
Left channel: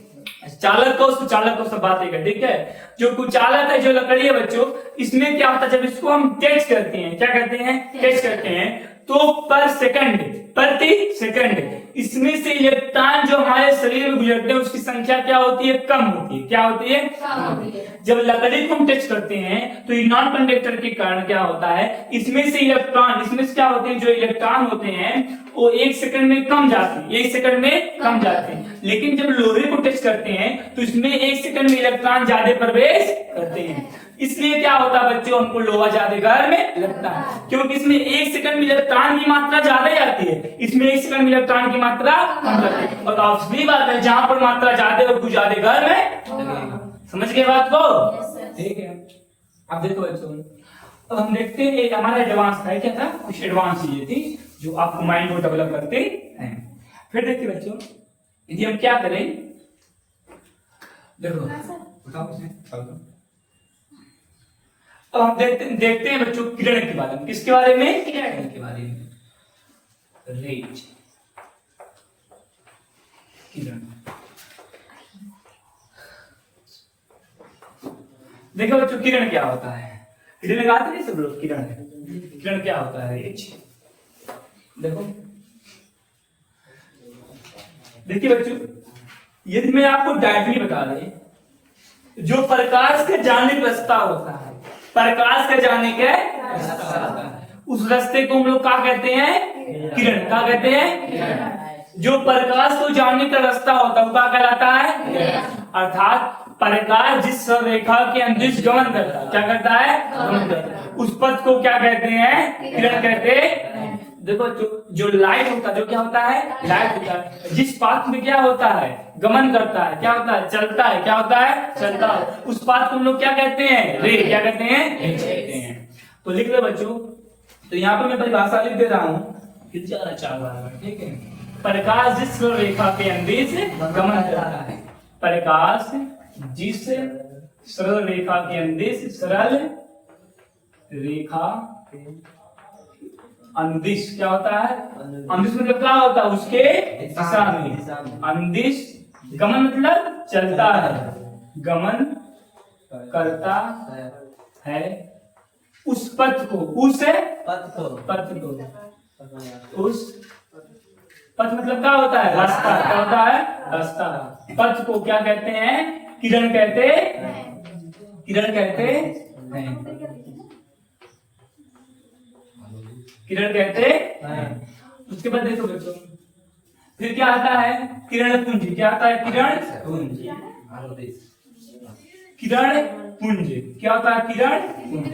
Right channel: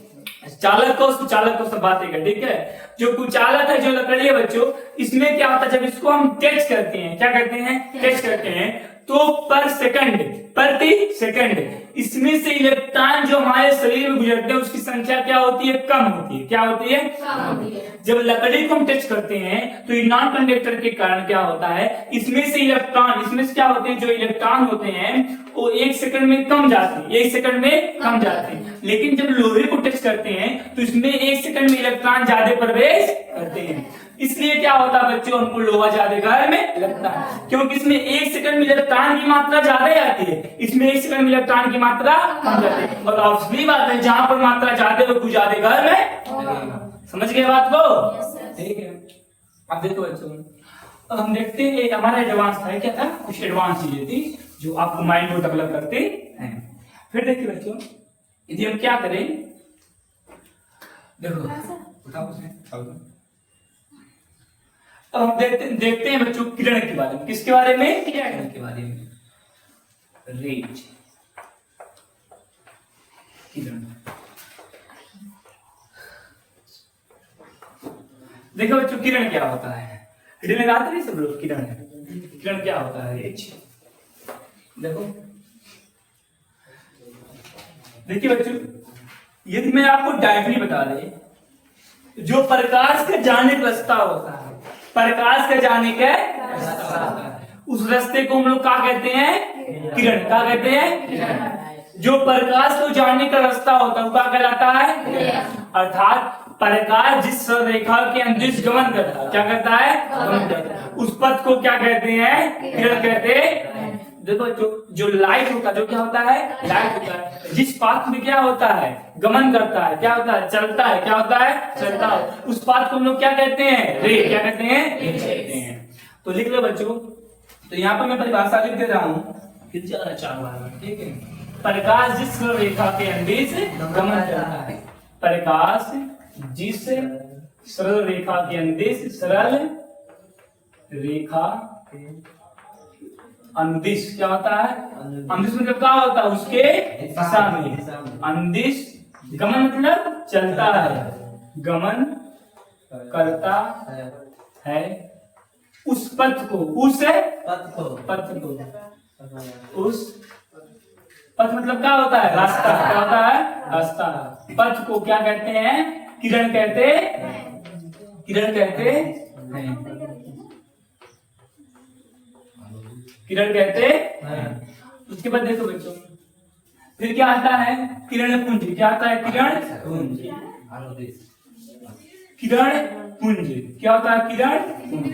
चालक को कुचालक को सब बातें कर, ठीक है। जो कुचालक है, जो लकड़ी है बच्चों, इसमें क्या होता है, जब इसको हम टच करते हैं, क्या करते हैं, टच करते हैं, तो पर सेकंड, प्रति सेकंड इसमें से इलेक्ट्रॉन जो हमारे शरीर में गुजरते हैं उसकी संख्या क्या होती है? कम होती है। क्या होती है? कम होती है। जब लकड़ी को हम टच करते हैं तो ये नॉन कंडक्टर के कारण क्या होता है, इसमें से इलेक्ट्रॉन, इसमें से क्या होते हैं, जो इलेक्ट्रॉन होते हैं वो 1 सेकंड में कम जाते हैं, 1 सेकंड में कम जाते हैं। लेकिन जब लोहे को टच करते हैं तो इसमें 1 सेकंड में इलेक्ट्रॉन ज्यादा प्रवेश करते हैं। इसलिए क्या होता है बच्चों, हमको लोहा ज्यादा गर्म लगता है, क्योंकि इसमें 1 सेकंड में इलेक्ट्रॉन की मात्रा ज्यादा जाती है, इसमें 1 सेकंड में इलेक्ट्रॉन की मात्रा कम जाती है। और ऑब्वियसली बात है, जहां पर मात्रा ज्यादा है वो ज्यादा गर्म है। समझ गए बात को? ठीक है। अब देखो बच्चों, अब हम देखते हैं हमारा एडवांस था, क्या था, कुछ एडवांस चीजें थी जो आपको माइंड को डेवलप करते हैं। फिर देखिए बच्चों, यदि हम क्या करें, देखो उठाओ उसे। अब हम देखते हैं बच्चों किरण के बारे में। किसके बारे में? किरण के बारे में। रेज, किरण। देखो बच्चों किरण क्या होता है, किरण लगाते हैं सब लोग। किरण है, किरण क्या होता है? रेज। देखो देखिए बच्चों, यदि मैं आपको डायरेक्टली बता दें, जो प्रकाश के जाने का रास्ता होता है, प्रकाश के जाने के रास्ता होता है, उस रास्ते को हम लोग क्या कहते हैं? किरण। क्या कहते हैं? जो प्रकाश को जाने का रास्ता होता है वो क्या कहलाता है? अर्थात प्रकाश जिस रेखा के अंदर गमन करता है, क्या करता है? गमन करता है, उस पथ को क्या कहते हैं? किरण कहते हैं। देखो जो लाइट होता है, जो क्या होता है? लाइट होता है, जिस पाथ में क्या होता है? गमन करता है, क्या होता है? चलता है। क्या होता है? चलता है। उस पाथ को हम लोग क्या कहते हैं? रे। क्या कहते हैं? कहते हैं। तो लिख लो बच्चों, तो यहाँ पर मैं परिभाषा लिख दे रहा हूँ, फिर जाना चाहूंगा। ठीक है, प्रकाश जिस रेखा के अंदर से गमन करता है, प्रकाश जिस सरल रेखा के अंदर से, सरल रेखा अंदिश, क्या होता है? अंदिश मतलब क्या होता है? उसके दिशा में। अंदिश, गमन मतलब चलता है, गमन करता है उस पथ को, उस पथ को, उस पथ मतलब क्या होता है? रास्ता। क्या होता है? रास्ता। पथ को क्या कहते हैं? किरण कहते हैं। किरण कहते हैं। किरण कहते हैं। उसके बाद देखो बच्चों, फिर क्या आता है? किरण पुंज। क्या आता है? किरण पुंज। किरण पुंज क्या होता है? किरण पुंज।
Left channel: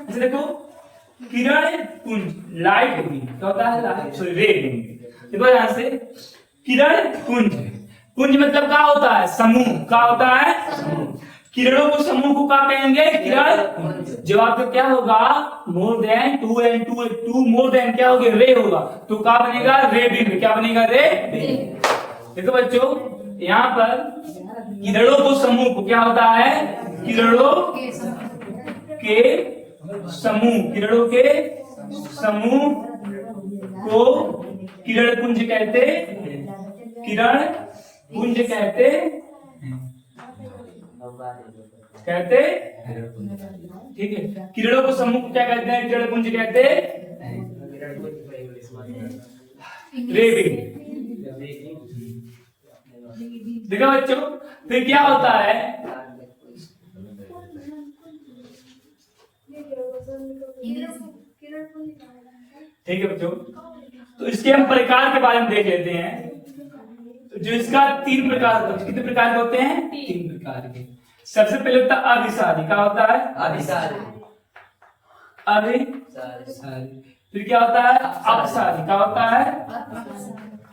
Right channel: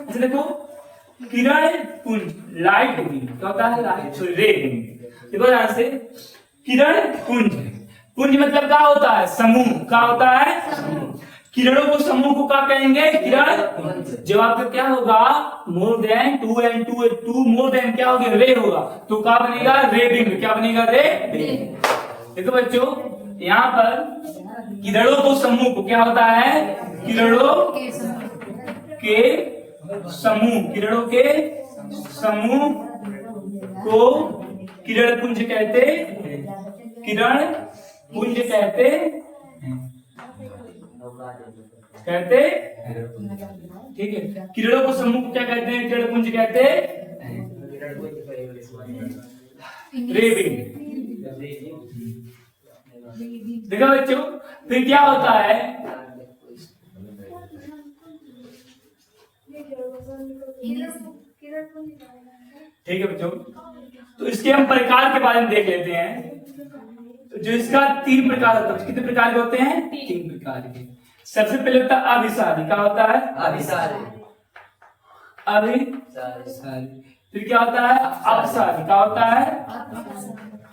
अच्छा देखो, किरण पुंज, लाइट बीम क्या होता है? लाइट, सॉरी रे बीम। देखो यहां से, किरण पुंज, पुंज मतलब क्या होता है? समूह। क्या होता है? समूह। किरणों को, समूह को क्या कहेंगे? किरण। जब आपका क्या होगा? More than 2 and 2 more than क्या होगा? रे होगा, तो क्या बनेगा? रे बीम। क्या बनेगा? रे बीम। देखो बच्चों, यहाँ पर किरणों को, समूह को क्या होता है? किरणों के समूह, किरणों के समूह को किरण पुंज कहते, किरण पुंज कहते ठीक है। किरणों को समूह को क्या कहते हैं? किरण पुंज कहते रे बीम। देखा बच्चों, फिर क्या होता है? ठीक है बच्चों, तो इसके हम प्रकार के बारे में देख लेते हैं। तो जो इसका 3 प्रकार होता है, कितने प्रकार के होते हैं? 3 प्रकार के। सबसे पहले होता है अभिसारी। क्या होता है? अभिसारी। अभिसारी। फिर क्या होता है? अपसारी। क्या होता है?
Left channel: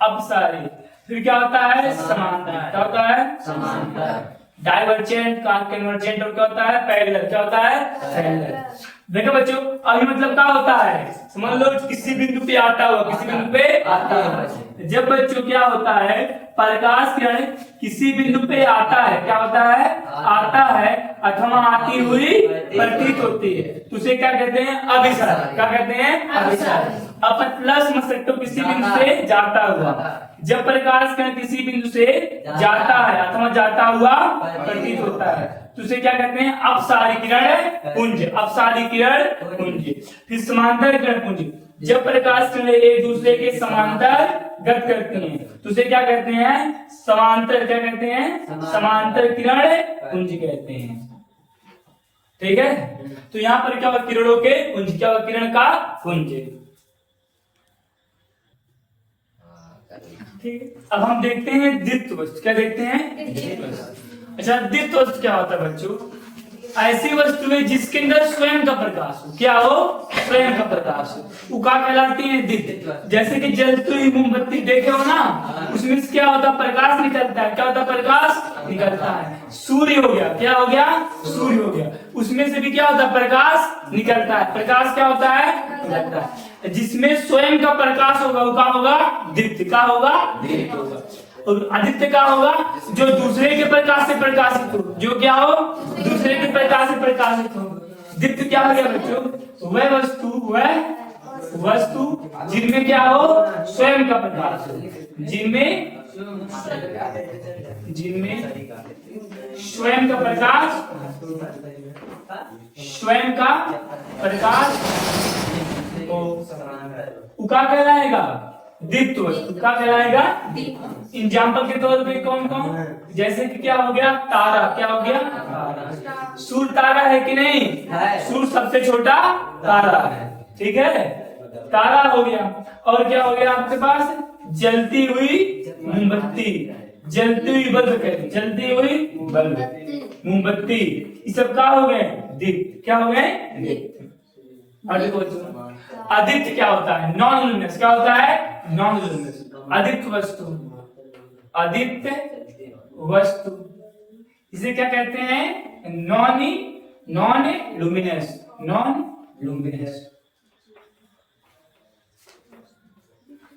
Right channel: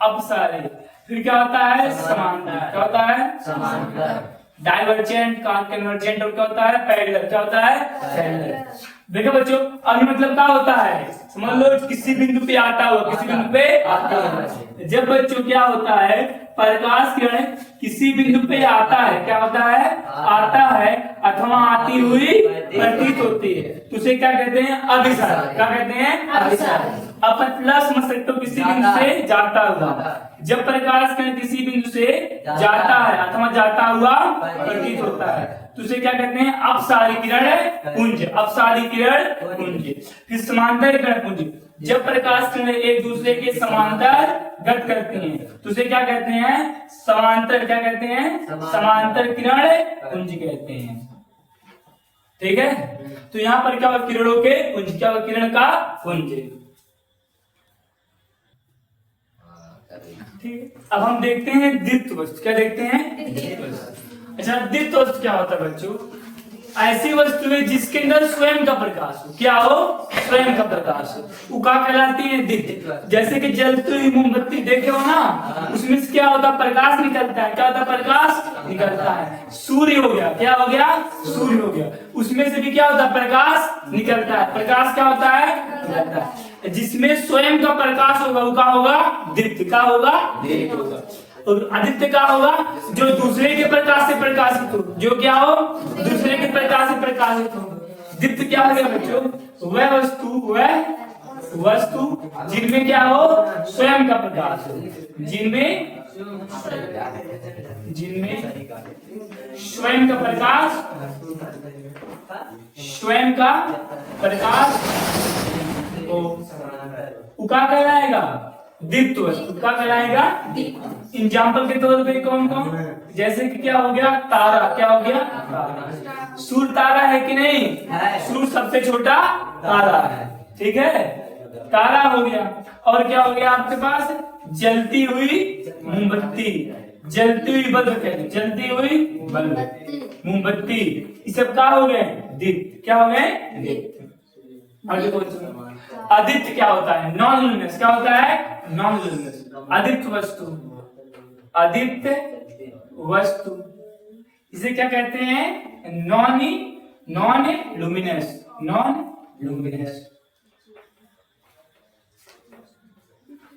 अपसारी। फिर क्या होता है? समांतर। क्या होता है? समांतर। डाइवर्जेंट, कन्वर्जेंट, और क्या होता है? पैरेलल। क्या होता है? पैरेलल। देखो बच्चों, अभी मतलब क्या होता है? समझ लो, किसी बिंदु पे आता हुआ, किसी बिंदु पे आता है। जब बच्चों क्या होता है? प्रकाश किरण किसी बिंदु पे आता है, क्या होता है? आता है अथवा आती हुई प्रतीत होती है, तो उसे क्या कहते हैं? अभिसारी। क्या कहते हैं? अभिसारी। अपन प्लस समझ सकते हो, किसी बिंदु से जाता हुआ। जब प्रकाश किरण किसी बिंदु से जाता है अथवा जाता हुआ प्रतीत होता है, तो उसे क्या कहते हैं? अपसारी किरण पुंज। अपसारी किरण पुंज। फिर समांतर किरण पुंज। जब प्रकाश किरण एक दूसरे के समांतर गत करती हैं तो उसे क्या कहते हैं? समांतर, क्या कहते हैं? समांतर किरण पुंज कहते हैं। ठीक है, तो यहाँ पर क्या हुआ? किरणों के पुंज, क्या हुआ? किरण का पुंज। ठीक है, अब हम देखते हैं द्वितीय वस्तु। क्या देखते हैं? द्वितीय वस्तु। अच्छा, द्वितीय वस्तु क्या होता है बच्चों? ऐसी वस्तु है जिसके अंदर स्वयं का प्रकाश हो। क्या हो? स्वयं का प्रकाश हो, वो क्या कहलाती है? द्वितीय। जैसे कि जलती हुई मोमबत्ती देखे हो ना, उसमें से क्या होता है? प्रकाश निकलता है। क्या होता है? प्रकाश निकलता है। सूर्य हो गया, क्या हो गया? सूर्य हो गया, उसमें से भी क्या होता है? प्रकाश निकलता है। प्रकाश क्या होता है? निकलता है। जिसमें स्वयं का प्रकाश होगा वो क्या होगा? द्वितीय। क्या होगा? द्वितीय होगा। और आदित्य क्या होगा? जो दूसरे के प्रकाश से प्रकाशित हो। जो क्या हो? दूसरे के प्रकाश से प्रकाशित हो। द्वितीय क्या हो गया बच्चों? वह वस्तु जिनमें क्या हो? स्वयं का प्रकाश हो। जिनमें स्वयं का प्रकाश, स्वयं का प्रकाश हो, वो क्या कहलाएगा? द्वितीय वस्तु। क्या कहलाएगा? एग्जाम्पल के तौर पे कौन कौन? जैसे कि क्या हो गया? तारा। क्या हो गया? तारा। सूर्य तारा है कि नहीं? सूर्य सबसे छोटा तारा है। ठीक है, तारा हो गया। और क्या हो गया आपके पास? जलती हुई मोमबत्ती, जलती हुई बल्ब, जलती हुई बल्ब, मोमबत्ती, ये सब क्या हो गए? द्वितीय। क्या हो गए? द्वितीय। और देखो आदित्य क्या होता है? Non luminous. क्या होता है? Non luminous. आदित्य वस्तु, आदित्य वस्तु, इसे क्या कहते हैं? Non luminous, non luminous.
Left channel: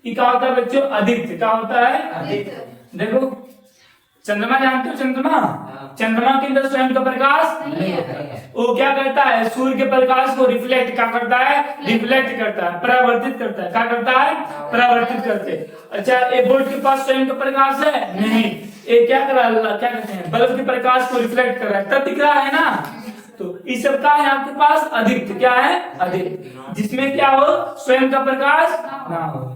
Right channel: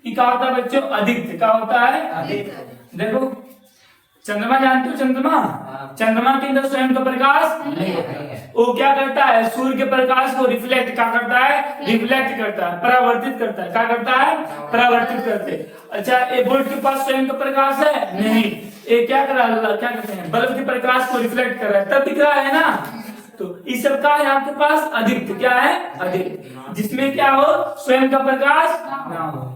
क्या होता है बच्चों? आदित्य। क्या होता है? आदित्य। देखो चंद्रमा, जानते हो चंद्रमा? चंद्रमा के अंदर स्वयं का प्रकाश नहीं है। वो क्या करता है? सूर्य के प्रकाश को रिफ्लेक्ट क्या करता है? रिफ्लेक्ट करता है, परावर्तित करता है। क्या करता है? परावर्तित करते। अच्छा, एक बोल्ट के पास स्वयं का प्रकाश है? नहीं। ये क्या कर रहा है? क्या कहते हैं? बल्ब के प्रकाश को रिफ्लेक्ट कर रहा है, तब दिख रहा है ना। तो इस सब का है आपके पास आदित्य। क्या है? आदित्य, जिसमें क्या हो? स्वयं का प्रकाश ना हो।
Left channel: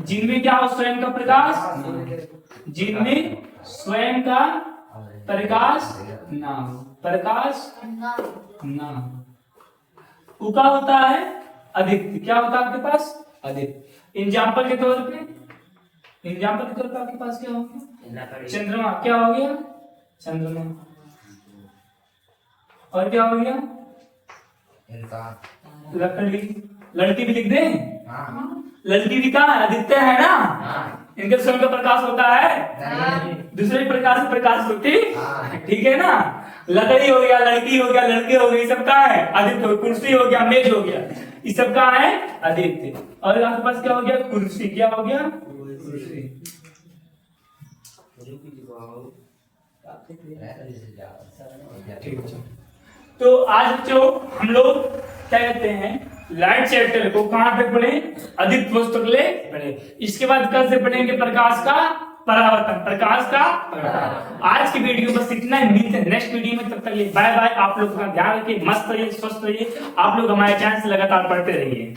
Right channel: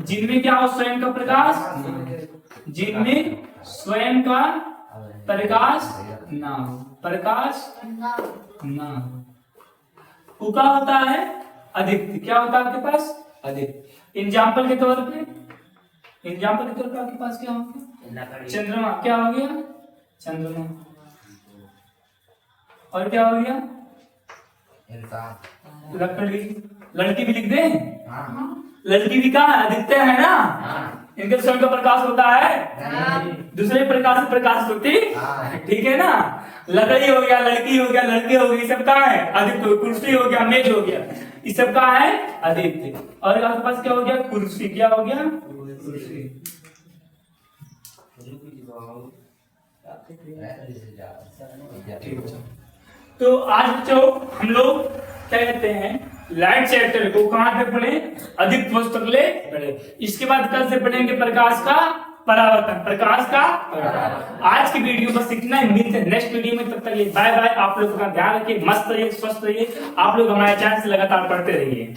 जिनमें क्या हो? स्वयं का प्रकाश, जिनमें स्वयं का प्रकाश ना हो, प्रकाश ना हो, वो क्या होता है? आदित्य। क्या होता है आपके पास? आदित्य। एग्जाम्पल के तौर पे, एग्जाम्पल के तौर पे आपके पास क्या होगा? चंद्रमा। क्या हो गया? चंद्रमा। और क्या हो गया? लकड़ी। लड़की भी लिख दे। लड़की भी कहाँ है? आदित्य है ना। इनके स्वयं का प्रकाश होता है, दूसरे प्रकाश से प्रकाश होती। ठीक है ना। लकड़ी हो गया, लड़की हो गया, लड़के हो गए, सब कहाँ है? आदित्य। कुर्सी हो गया, मेज हो गया, ये सब कहाँ है? आदित्य। और आपके पास क्या हो गया? कुर्सी। क्या हो गया? कुर्सी। तो आज बच्चों हम लोग क्या कहते हैं? लाइट चैप्टर को कहां तक पढ़े? आदित्य वस्तु तक ले पढ़े। इसके बाद कल से पढ़ेंगे प्रकाश का परावर्तन, प्रकाश का परावर्तन। आज की वीडियो बस इतना ही, मिलते हैं नेक्स्ट वीडियो में। तब तक लिए बाय बाय। आप लोग का ध्यान रखिए, मस्त रहिए, स्वस्थ रहिए। आप लोग हमारे चैनल से लगातार पढ़ते रहिए।